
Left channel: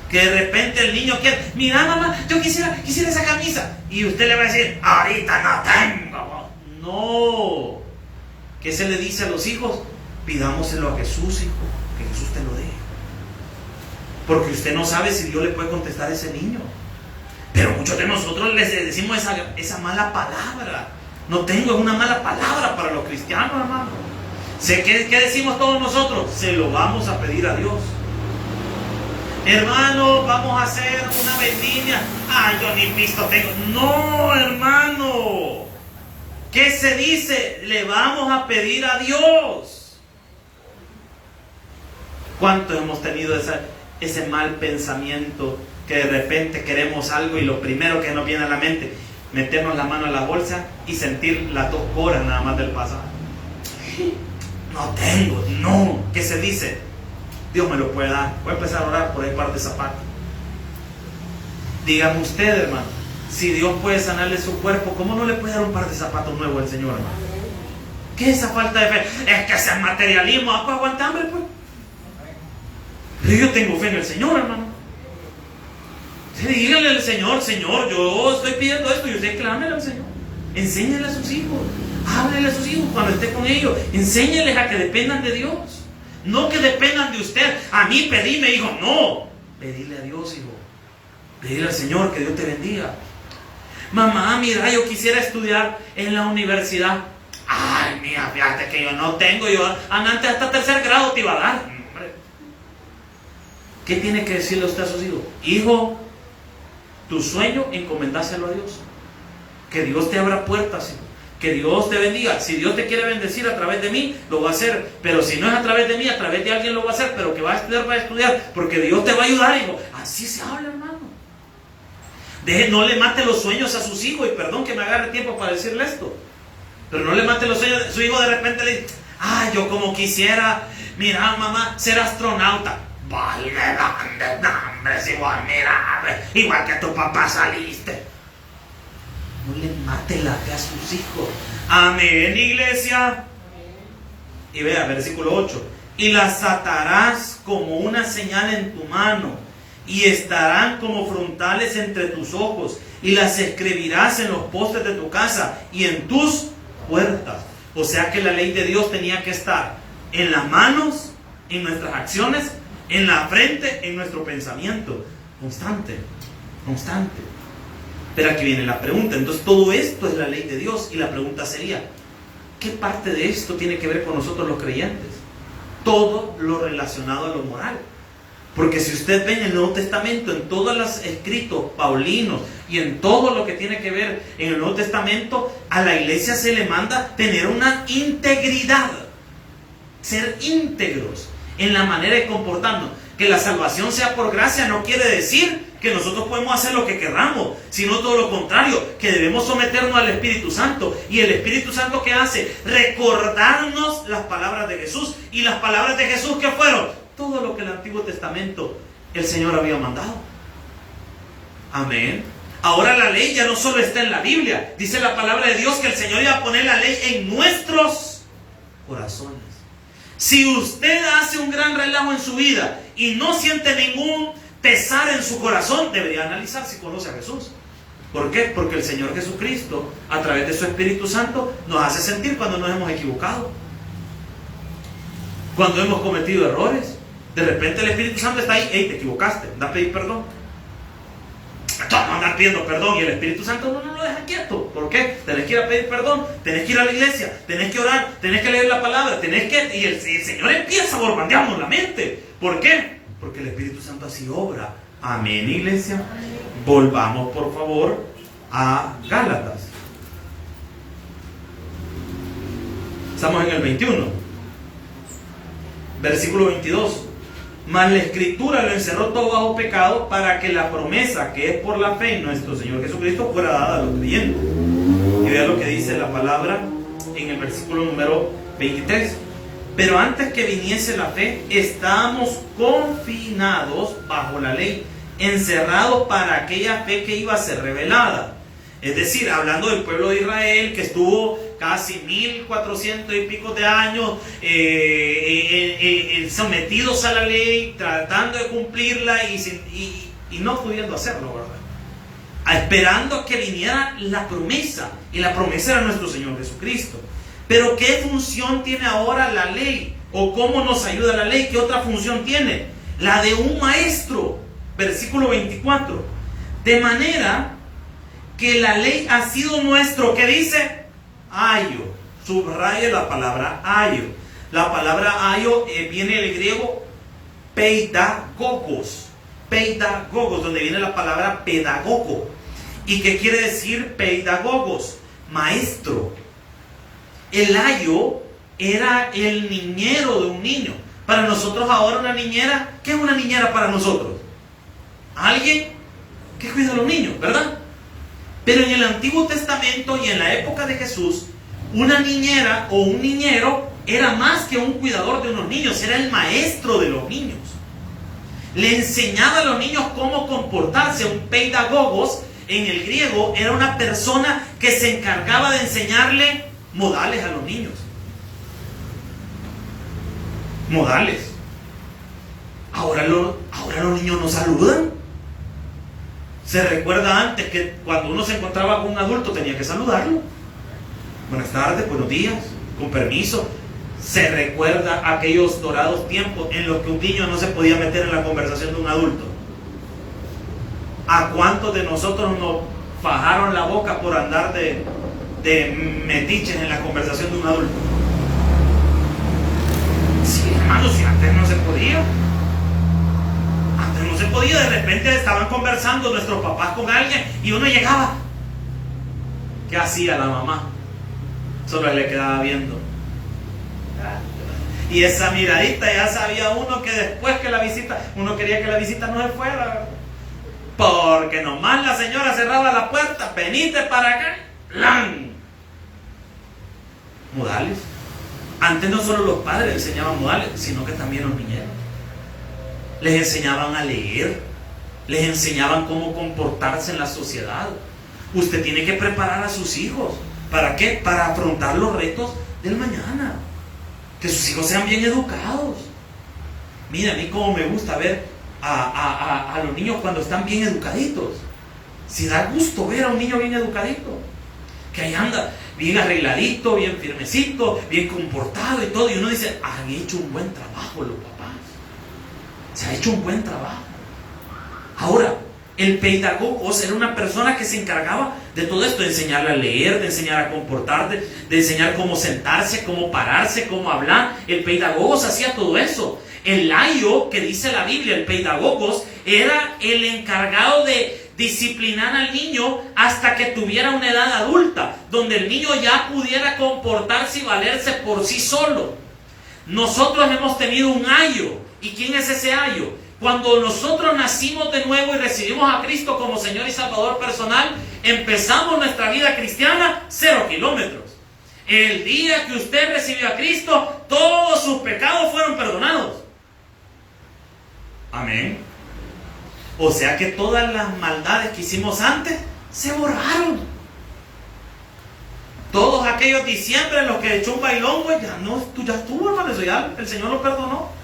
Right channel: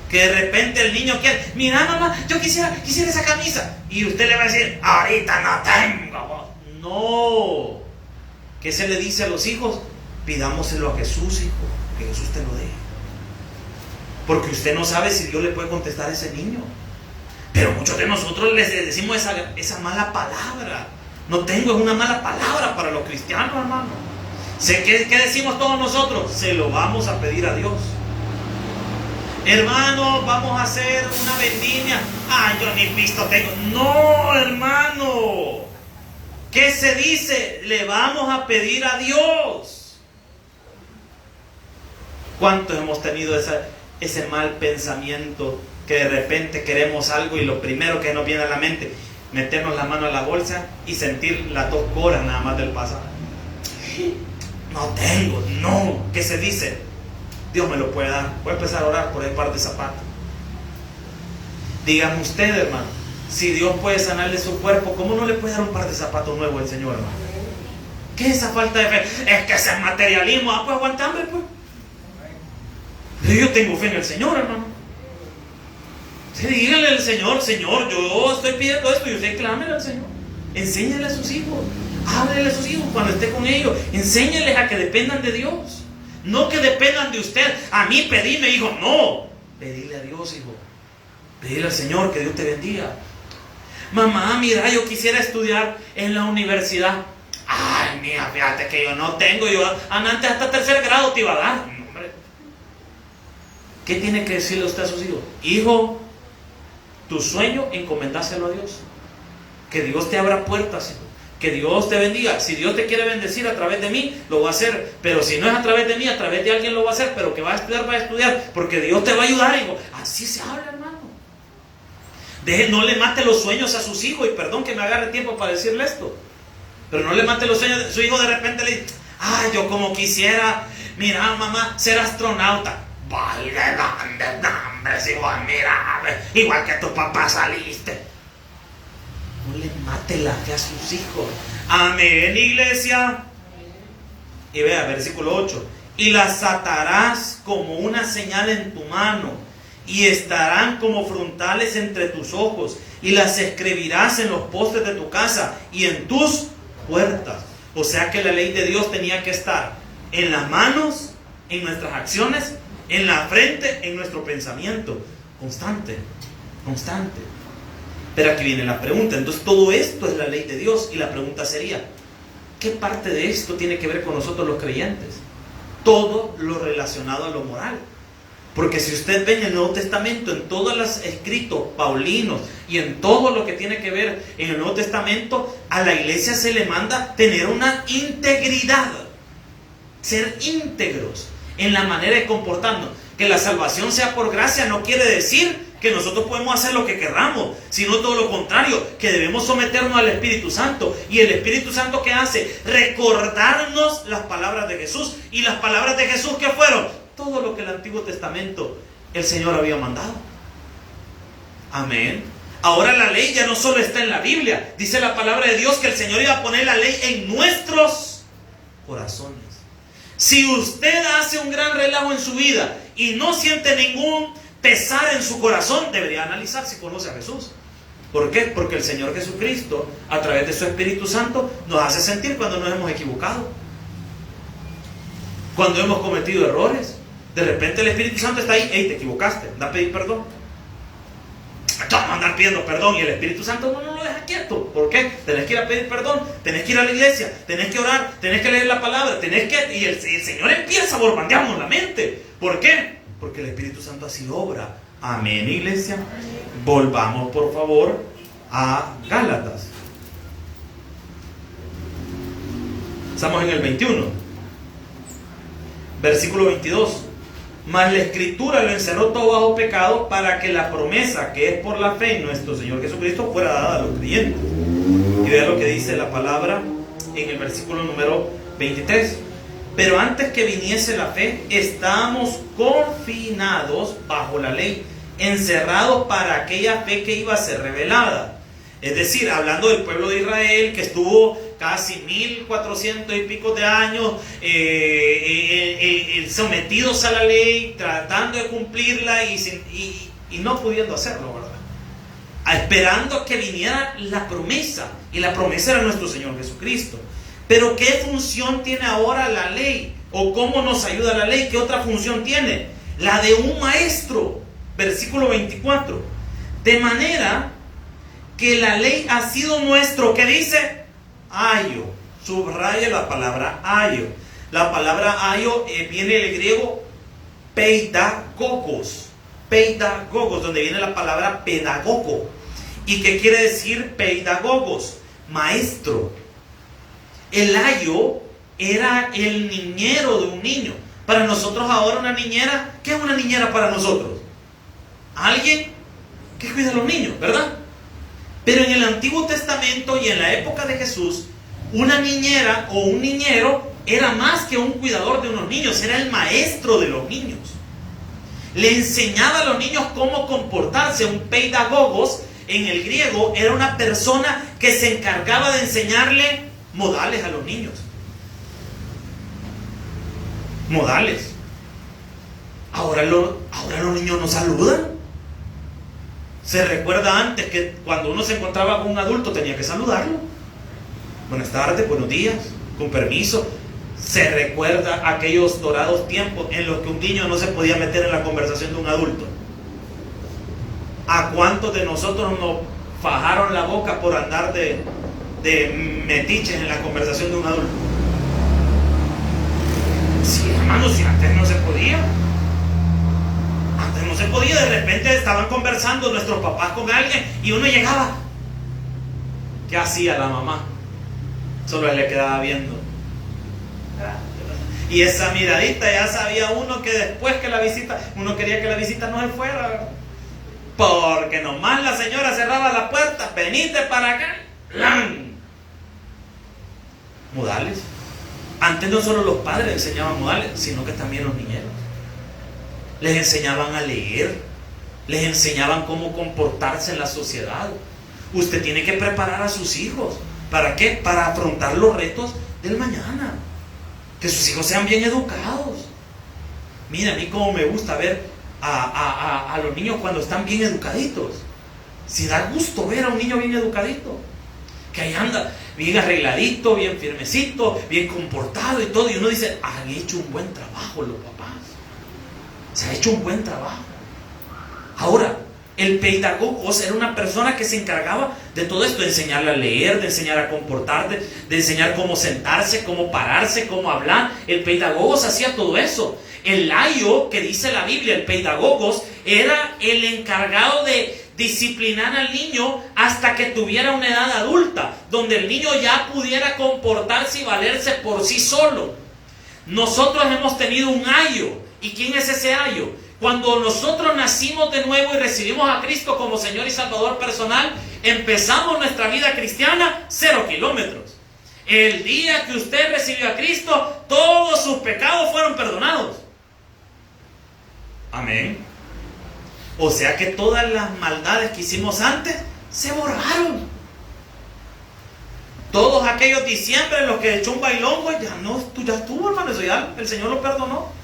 Que de repente el niño quiere, mira mamá, yo quisiera esa camisa. Y usted le va a decir, ahorita no tengo. No. ¿Qué se le dice a los hijos? Pidámoselo a Jesús, hijo, que Jesús te lo dé. Porque usted no sabe si Dios le puede contestar a ese niño. Pero muchos de nosotros les decimos esa mala palabra. No tengo una mala palabra para los cristianos, hermano. ¿Qué decimos todos nosotros? Se lo vamos a pedir a Dios. Hermano, vamos a hacer una vendimia. Ay, yo ni visto tengo. No, hermano. ¿Qué se dice? Le vamos a pedir a Dios. ¿Cuántos hemos tenido ese mal pensamiento que de repente queremos algo y lo primero que nos viene a la mente, meternos la mano a la bolsa y sentir las 2 horas nada más del pasaje? No tengo, no. ¿Qué se dice? Dios me lo puede dar. Voy a empezar a orar por el par de zapatos. Dígame usted, hermano, si Dios puede sanarle su cuerpo, ¿cómo no le puede dar un par de zapatos nuevos al Señor, hermano? ¿Qué es esa falta de fe? Es que ese es materialismo. Ah, pues aguantame, pues. Pero yo tengo fe en el Señor, hermano. Sí, dígale al Señor, Señor, yo estoy pidiendo esto y usted clámele al Señor. Enséñale a sus hijos. Háblele a sus hijos cuando esté con ellos. Enséñales a que dependan de Dios. No que dependan de usted. A mí pedíme, hijo. No. Pedirle a Dios, hijo. Pedirle al Señor que Dios te bendiga. Mamá, mira, yo quisiera estudiar en la universidad. Ay, mira, fíjate que yo no tengo. Yo antes hasta 3er grado te iba a dar. Hombre. ¿Qué tiene que decirle usted a sus hijos? Hijo, tu sueño, encomendáselo a Dios. Que Dios te abra puertas, hijo. Que Dios te bendiga. Si Dios te quiere bendecir a través de mí, lo va a hacer. Pero si no es a través de mí, a través de alguien lo va a hacer. Pero que va a estudiar, porque Dios te va a ayudar, hijo. Así se habla, hermano. No le mate los sueños a sus hijos. Y perdón que me agarre tiempo para decirle esto, pero no le mate los sueños. Su hijo de repente le dice, ay, yo como quisiera, mira mamá, ser astronauta. Valga, igual que tu papá saliste. No le mate la fe a sus hijos. Amén, iglesia. Y vea, versículo 8. Y las atarás como una señal en tu mano, y estarán como frontales entre tus ojos, y las escribirás en los postes de tu casa y en tus puertas. O sea que la ley de Dios tenía que estar en las manos, en nuestras acciones, en la frente, en nuestro pensamiento. Constante, constante. Pero aquí viene la pregunta. Entonces todo esto es la ley de Dios. Y la pregunta sería, ¿qué parte de esto tiene que ver con nosotros los creyentes? Todo lo relacionado a lo moral. Porque si usted ve en el Nuevo Testamento, en todos los escritos paulinos y en todo lo que tiene que ver en el Nuevo Testamento, a la iglesia se le manda tener una integridad. Ser íntegros en la manera de comportarnos. Que la salvación sea por gracia no quiere decir que nosotros podemos hacer lo que queramos, sino todo lo contrario, que debemos someternos al Espíritu Santo. Y el Espíritu Santo, ¿qué hace? Recordarnos las palabras de Jesús. Y las palabras de Jesús, ¿qué fueron? Todo lo que el Antiguo Testamento el Señor había mandado. Amén. Ahora la ley ya no solo está en la Biblia. Dice la palabra de Dios que el Señor iba a poner la ley en nuestros corazones. Si usted hace un gran relajo en su vida y no siente ningún pesar en su corazón, debería analizar si conoce a Jesús. ¿Por qué? Porque el Señor Jesucristo, a través de su Espíritu Santo, nos hace sentir cuando nos hemos equivocado, cuando hemos cometido errores. De repente el Espíritu Santo está ahí. Hey, te equivocaste, anda a pedir perdón. Anda pidiendo perdón y el Espíritu Santo no lo deja quieto. ¿Por qué? Tenés que ir a pedir perdón, tenés que ir a la iglesia, tenés que orar, tenés que leer la palabra, y el Señor empieza a bombardearnos la mente. ¿Por qué? Porque el Espíritu Santo así obra. Amén, iglesia. Volvamos por favor a Gálatas. Estamos en el 21. Versículo 22. Mas la Escritura lo encerró todo bajo pecado para que la promesa que es por la fe en nuestro Señor Jesucristo fuera dada a los creyentes. Y vea lo que dice la palabra en el versículo número 23. Pero antes que viniese la fe, estábamos confinados bajo la ley, encerrados para aquella fe que iba a ser revelada. Es decir, hablando del pueblo de Israel, que estuvo casi 1400 y pico de años sometidos a la ley, tratando de cumplirla y no pudiendo hacerlo, ¿verdad? Esperando que viniera la promesa, y la promesa era nuestro Señor Jesucristo. Pero ¿qué función tiene ahora la ley? ¿O cómo nos ayuda la ley? ¿Qué otra función tiene? La de un maestro. Versículo 24. De manera que la ley ha sido nuestro, ¿qué dice? Ayo. Subraya la palabra ayo. La palabra ayo viene del griego peidagogos. Peidagogos, donde viene la palabra pedagogo. ¿Y qué quiere decir peidagogos? Maestro. El ayo era el niñero de un niño. Para nosotros ahora una niñera, ¿qué es una niñera para nosotros? Alguien que cuida a los niños, ¿verdad? Pero en el Antiguo Testamento y en la época de Jesús, una niñera o un niñero era más que un cuidador de unos niños, era el maestro de los niños. Le enseñaba a los niños cómo comportarse. Un pedagogos en el griego era una persona que se encargaba de enseñarle modales a los niños. Modales. Ahora los niños no saludan. Se recuerda antes que cuando uno se encontraba con un adulto tenía que saludarlo. Buenas tardes, buenos días, con permiso. Se recuerda aquellos dorados tiempos en los que un niño no se podía meter en la conversación de un adulto. ¿A cuántos de nosotros nos fajaron la boca por andar de metiches en la conversación de un adulto? Sí, hermano, si antes no se podía. Antes no se podía. De repente estaban conversando nuestros papás con alguien y uno llegaba. ¿Qué hacía la mamá? Solo le quedaba viendo. Y esa miradita ya sabía uno que después que la visita, uno quería que la visita no se fuera. Porque nomás la señora cerraba la puerta, venite para acá. ¡Lan! Modales. Antes no solo los padres enseñaban modales, sino que también los niñeros. Les enseñaban a leer, les enseñaban cómo comportarse en la sociedad. Usted tiene que preparar a sus hijos. ¿Para qué? Para afrontar los retos del mañana. Que sus hijos sean bien educados. Mira, a mí como me gusta ver a los niños cuando están bien educaditos. Si da gusto ver a un niño bien educadito, que ahí anda bien arregladito, bien firmecito, bien comportado y todo, y uno dice, han hecho un buen trabajo los papás. Se ha hecho un buen trabajo. Ahora, el pedagogo era una persona que se encargaba de todo esto, de enseñarle a leer, de enseñar a comportarse, de enseñar cómo sentarse, cómo pararse, cómo hablar. El pedagogo hacía todo eso. El laio, que dice la Biblia, el pedagogos, era el encargado de disciplinar al niño hasta que tuviera una edad adulta, donde el niño ya pudiera comportarse y valerse por sí solo. Nosotros hemos tenido un ayo. ¿Y quién es ese ayo? Cuando nosotros nacimos de nuevo y recibimos a Cristo como Señor y Salvador personal, empezamos nuestra vida cristiana 0 kilómetros. El día que usted recibió a Cristo, todos sus pecados fueron perdonados. Amén. O sea que todas las maldades que hicimos antes se borraron. Todos aquellos diciembre en los que echó un bailongo, ya estuvo, hermano, eso ya el Señor lo perdonó.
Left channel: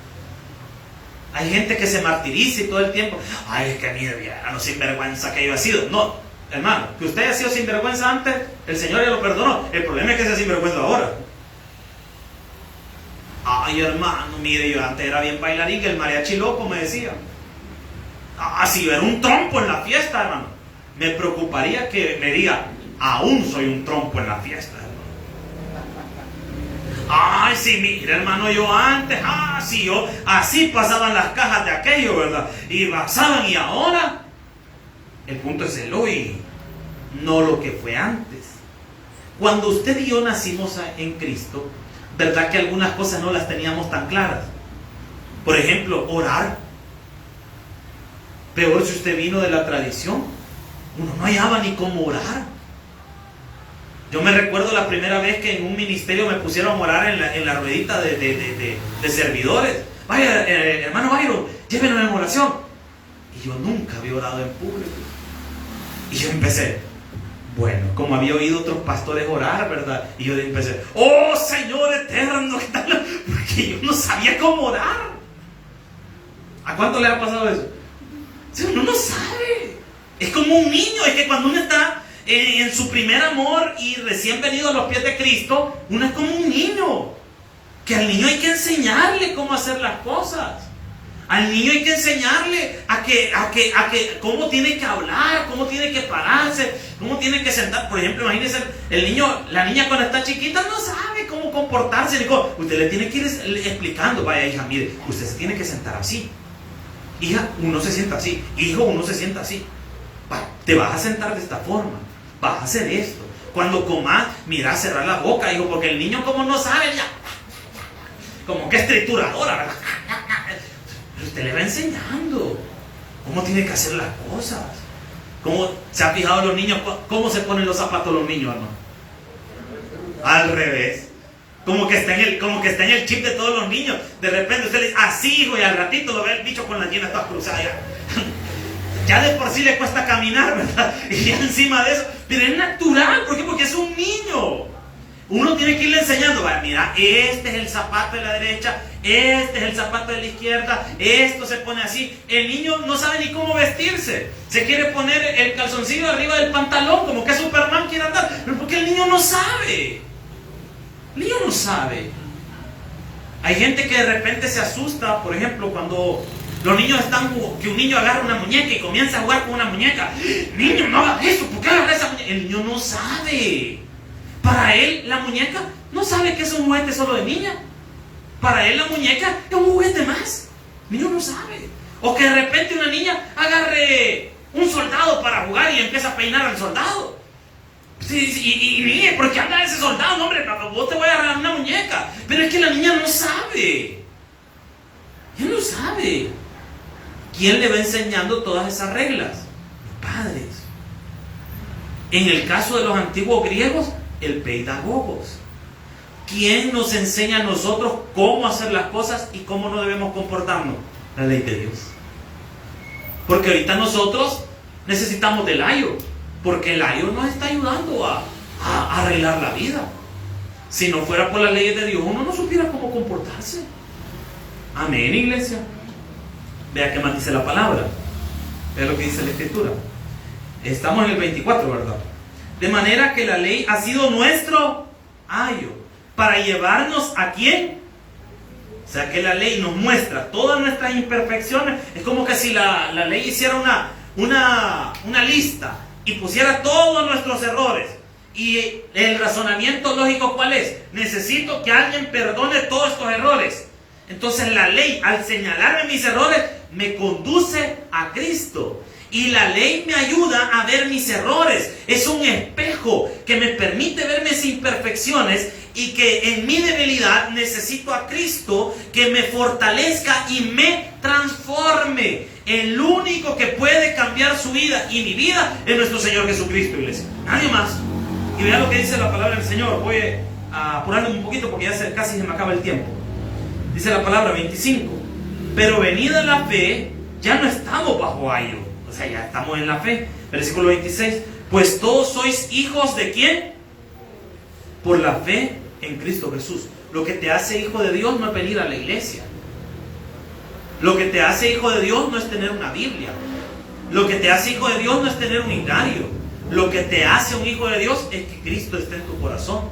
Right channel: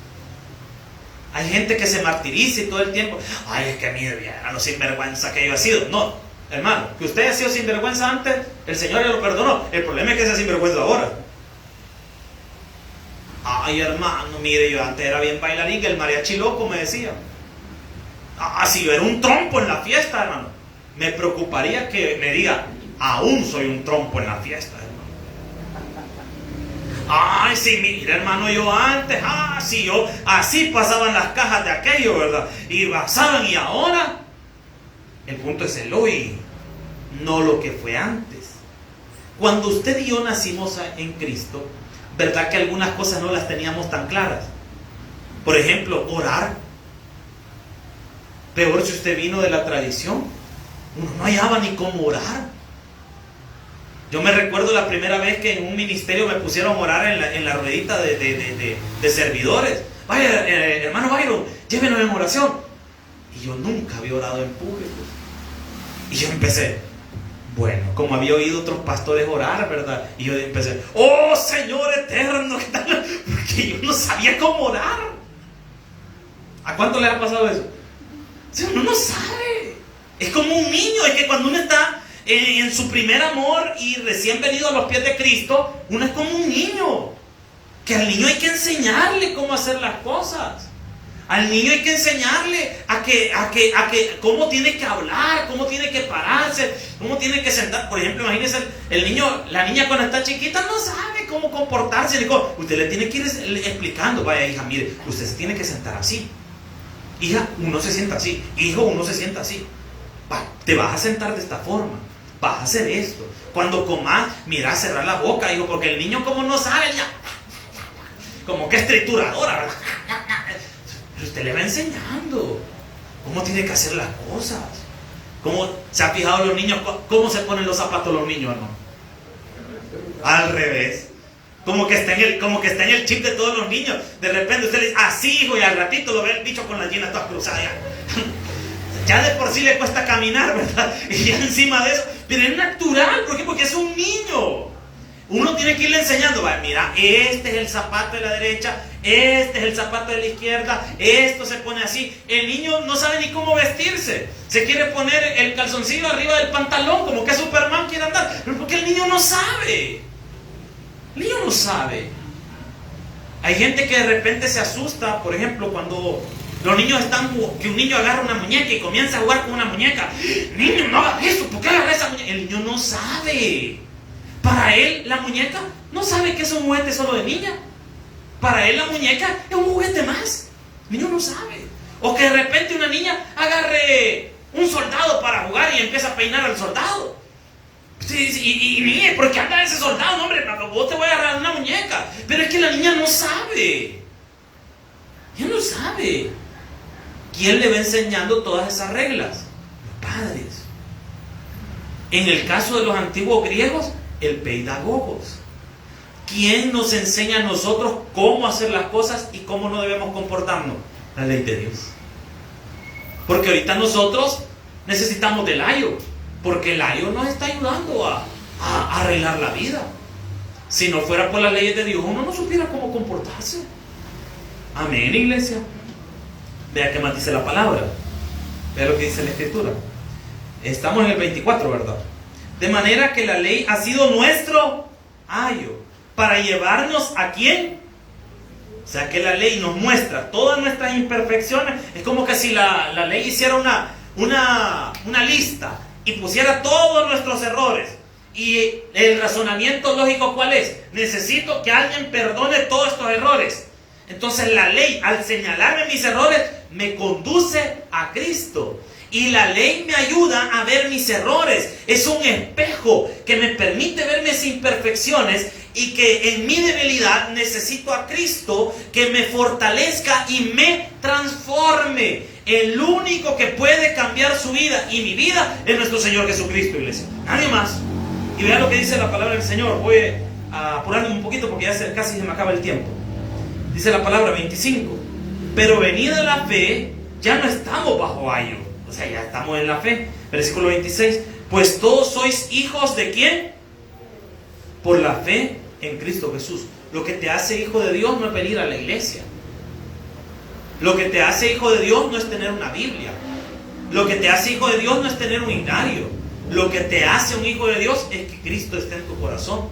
Hay gente que se martiriza y todo el tiempo, ay, es que a mí a lo sinvergüenza que yo he sido. No, hermano, que usted haya sido sinvergüenza antes, el Señor ya lo perdonó. El problema es que sea sinvergüenza ahora. Ay, hermano, mire, yo antes era bien bailarín, que el mariachi loco me decía. Si yo era un trompo en la fiesta, hermano, me preocuparía que me diga, aún soy un trompo en la fiesta. Ay, sí, mira, hermano, yo antes, sí, yo, así pasaban las cajas de aquello, ¿verdad? Y pasaban, y ahora, el punto es el hoy, no lo que fue antes. Cuando usted y yo nacimos en Cristo, ¿verdad que algunas cosas no las teníamos tan claras? Por ejemplo, orar. Peor si usted vino de la tradición, uno no hallaba ni cómo orar. Yo me recuerdo la primera vez que en un ministerio me pusieron a orar en la ruedita de servidores. Vaya, hermano Byron, llévenos en oración. Y yo nunca había orado en público. Y yo empecé, bueno, como había oído otros pastores orar, ¿verdad? Y yo empecé, oh Señor eterno, ¿qué tal? Porque yo no sabía cómo orar. ¿A cuánto le ha pasado eso? O sea, uno no sabe. Es como un niño, es que cuando uno está en su primer amor y recién venido a los pies de Cristo, uno es como un niño, que al niño hay que enseñarle cómo hacer las cosas. Al niño hay que enseñarle a que cómo tiene que hablar, cómo tiene que pararse, cómo tiene que sentar. Por ejemplo, imagínense, la niña cuando está chiquita no sabe cómo comportarse. Usted le tiene que ir explicando, vaya hija, mire, usted se tiene que sentar así. Hija, uno se sienta así. Hijo, uno se sienta así. Te vas a sentar de esta forma. Vas a hacer esto. Cuando comas, mira, cerrar la boca, hijo, porque el niño como no sabe ya. Como que es trituradora, ¿verdad? Pero usted le va enseñando cómo tiene que hacer las cosas. ¿Cómo se ha fijado los niños? ¿Cómo se ponen los zapatos los niños, hermano? Al revés. Como que está en el chip de todos los niños. De repente usted le dice, así, hijo, y al ratito lo ve el bicho con las llenas todas cruzadas. Ya de por sí le cuesta caminar, ¿verdad? Y ya encima de eso, pero es natural. ¿Por qué? Porque es un niño. Uno tiene que irle enseñando, mira, este es el zapato de la derecha, este es el zapato de la izquierda, esto se pone así. El niño no sabe ni cómo vestirse. Se quiere poner el calzoncillo arriba del pantalón, como que Superman quiere andar. Pero porque el niño no sabe. El niño no sabe. Hay gente que de repente se asusta, por ejemplo, cuando los niños que un niño agarra una muñeca y comienza a jugar con una muñeca. Niño, no hagas eso, ¿por qué agarra esa muñeca? El niño no sabe. Para él, la muñeca no sabe que es un juguete solo de niña. Para él, la muñeca es un juguete más. El niño no sabe. O que de repente una niña agarre un soldado para jugar y empieza a peinar al soldado. Y mire, ¿por qué anda ese soldado? No, hombre, papá, vos te voy a agarrar una muñeca. Pero es que la niña no sabe. Ella no sabe. ¿Quién le va enseñando todas esas reglas? Los padres. En el caso de los antiguos griegos, el pedagogos. ¿Quién nos enseña a nosotros cómo hacer las cosas y cómo no debemos comportarnos? La ley de Dios. Porque ahorita nosotros necesitamos del ayo, porque el ayo nos está ayudando a arreglar la vida. Si no fuera por las leyes de Dios, uno no supiera cómo comportarse. Amén, iglesia. Vea qué más dice la palabra. Vea lo que dice la escritura. Estamos en el 24, ¿verdad? De manera que la ley ha sido nuestro ayo. ¿Para llevarnos a quién? O sea que la ley nos muestra todas nuestras imperfecciones. Es como que si la ley hiciera una lista y pusiera todos nuestros errores. Y el razonamiento lógico, ¿cuál es? Necesito que alguien perdone todos estos errores. Entonces la ley, al señalarme mis errores, me conduce a Cristo. Y la ley me ayuda a ver mis errores. Es un espejo que me permite ver mis imperfecciones y que en mi debilidad necesito a Cristo que me fortalezca y me transforme. El único que puede cambiar su vida y mi vida es nuestro Señor Jesucristo, iglesia. Nadie más. Y vean lo que dice la palabra del Señor. Voy a apurarme un poquito porque ya casi se me acaba el tiempo. Dice la palabra 25. Pero venida la fe, ya no estamos bajo ayo. O sea, ya estamos en la fe. Versículo 26. Pues todos sois hijos de ¿quién? Por la fe en Cristo Jesús. Lo que te hace hijo de Dios no es venir a la iglesia. Lo que te hace hijo de Dios no es tener una Biblia. Lo que te hace hijo de Dios no es tener un himnario. Lo que te hace un hijo de Dios es que Cristo esté en tu corazón.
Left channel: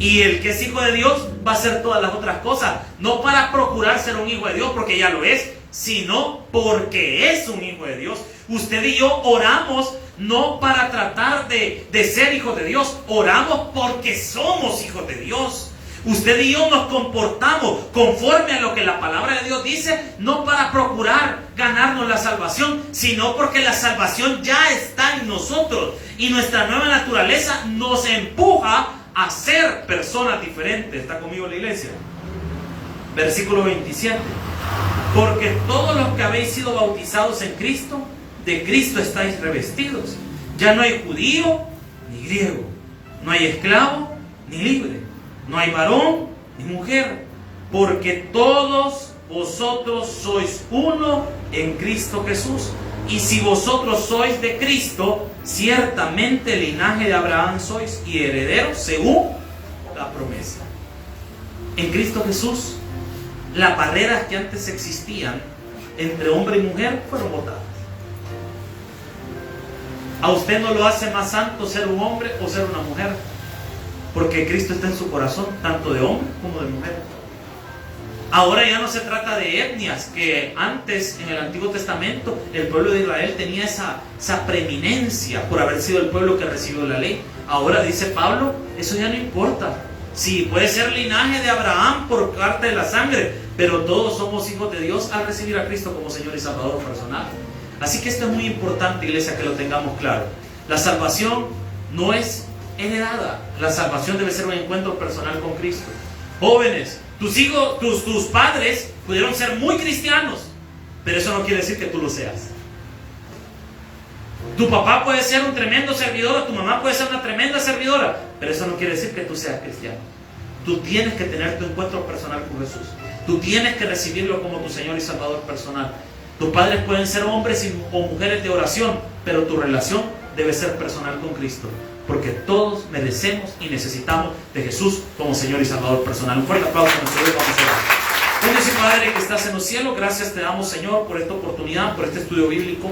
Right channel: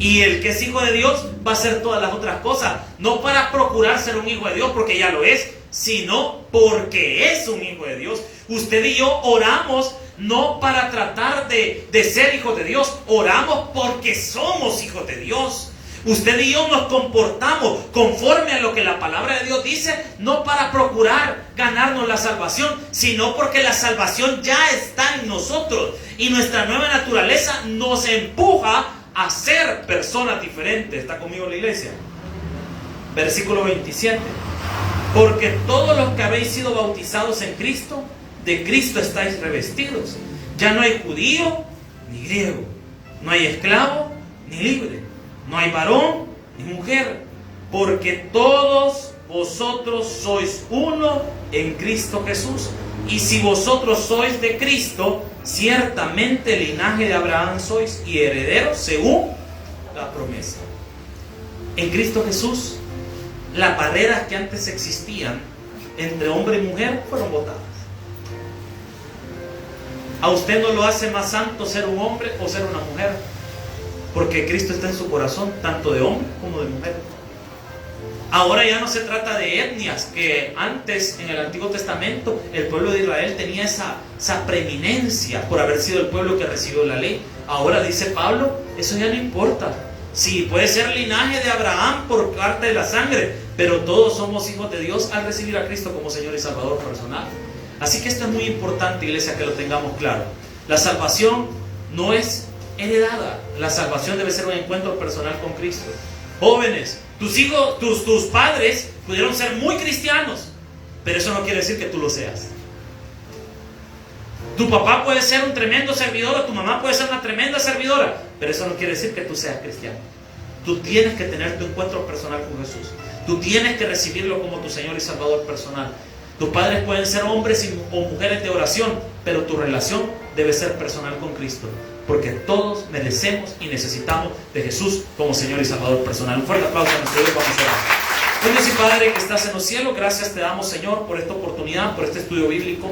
Y el que es hijo de Dios va a hacer todas las otras cosas. No para procurar ser un hijo de Dios porque ya lo es, sino porque es un hijo de Dios. Usted y yo oramos no para tratar de ser hijos de Dios. Oramos porque somos hijos de Dios. Usted y yo nos comportamos conforme a lo que la palabra de Dios dice, no para procurar ganarnos la salvación, sino porque la salvación ya está en nosotros y nuestra nueva naturaleza nos empuja a ser personas diferentes. ¿Está conmigo la iglesia? Versículo 27. Porque todos los que habéis sido bautizados en Cristo, de Cristo estáis revestidos. Ya no hay judío ni griego, no hay esclavo ni libre, no hay varón ni mujer, porque todos vosotros sois uno en Cristo Jesús. Y si vosotros sois de Cristo, ciertamente linaje de Abraham sois y herederos según la promesa. En Cristo Jesús, las barreras que antes existían entre hombre y mujer fueron botadas. A usted no lo hace más santo ser un hombre o ser una mujer, porque Cristo está en su corazón, tanto de hombre como de mujer. Ahora ya no se trata de etnias, que antes en el Antiguo Testamento el pueblo de Israel tenía esa preeminencia por haber sido el pueblo que recibió la ley. Ahora dice Pablo, eso ya no importa. Sí, puede ser linaje de Abraham por parte de la sangre, pero todos somos hijos de Dios al recibir a Cristo como Señor y Salvador personal. Así que esto es muy importante, iglesia, que lo tengamos claro. La salvación no es heredada. La salvación debe ser un encuentro personal con Cristo. Jóvenes, tus hijos, tus padres pudieron ser muy cristianos, pero eso no quiere decir que tú lo seas. Tu papá puede ser un tremendo servidor, tu mamá puede ser una tremenda servidora, pero eso no quiere decir que tú seas cristiano. Tú tienes que tener tu encuentro personal con Jesús. Tú tienes que recibirlo como tu Señor y Salvador personal. Tus padres pueden ser hombres o mujeres de oración, pero tu relación debe ser personal con Cristo, porque todos merecemos y necesitamos de Jesús como Señor y Salvador personal. Un fuerte aplauso a nuestro Dios. Vamos a orar. Dios y Padre que estás en los cielos, gracias te damos, Señor, por esta oportunidad, por este estudio bíblico.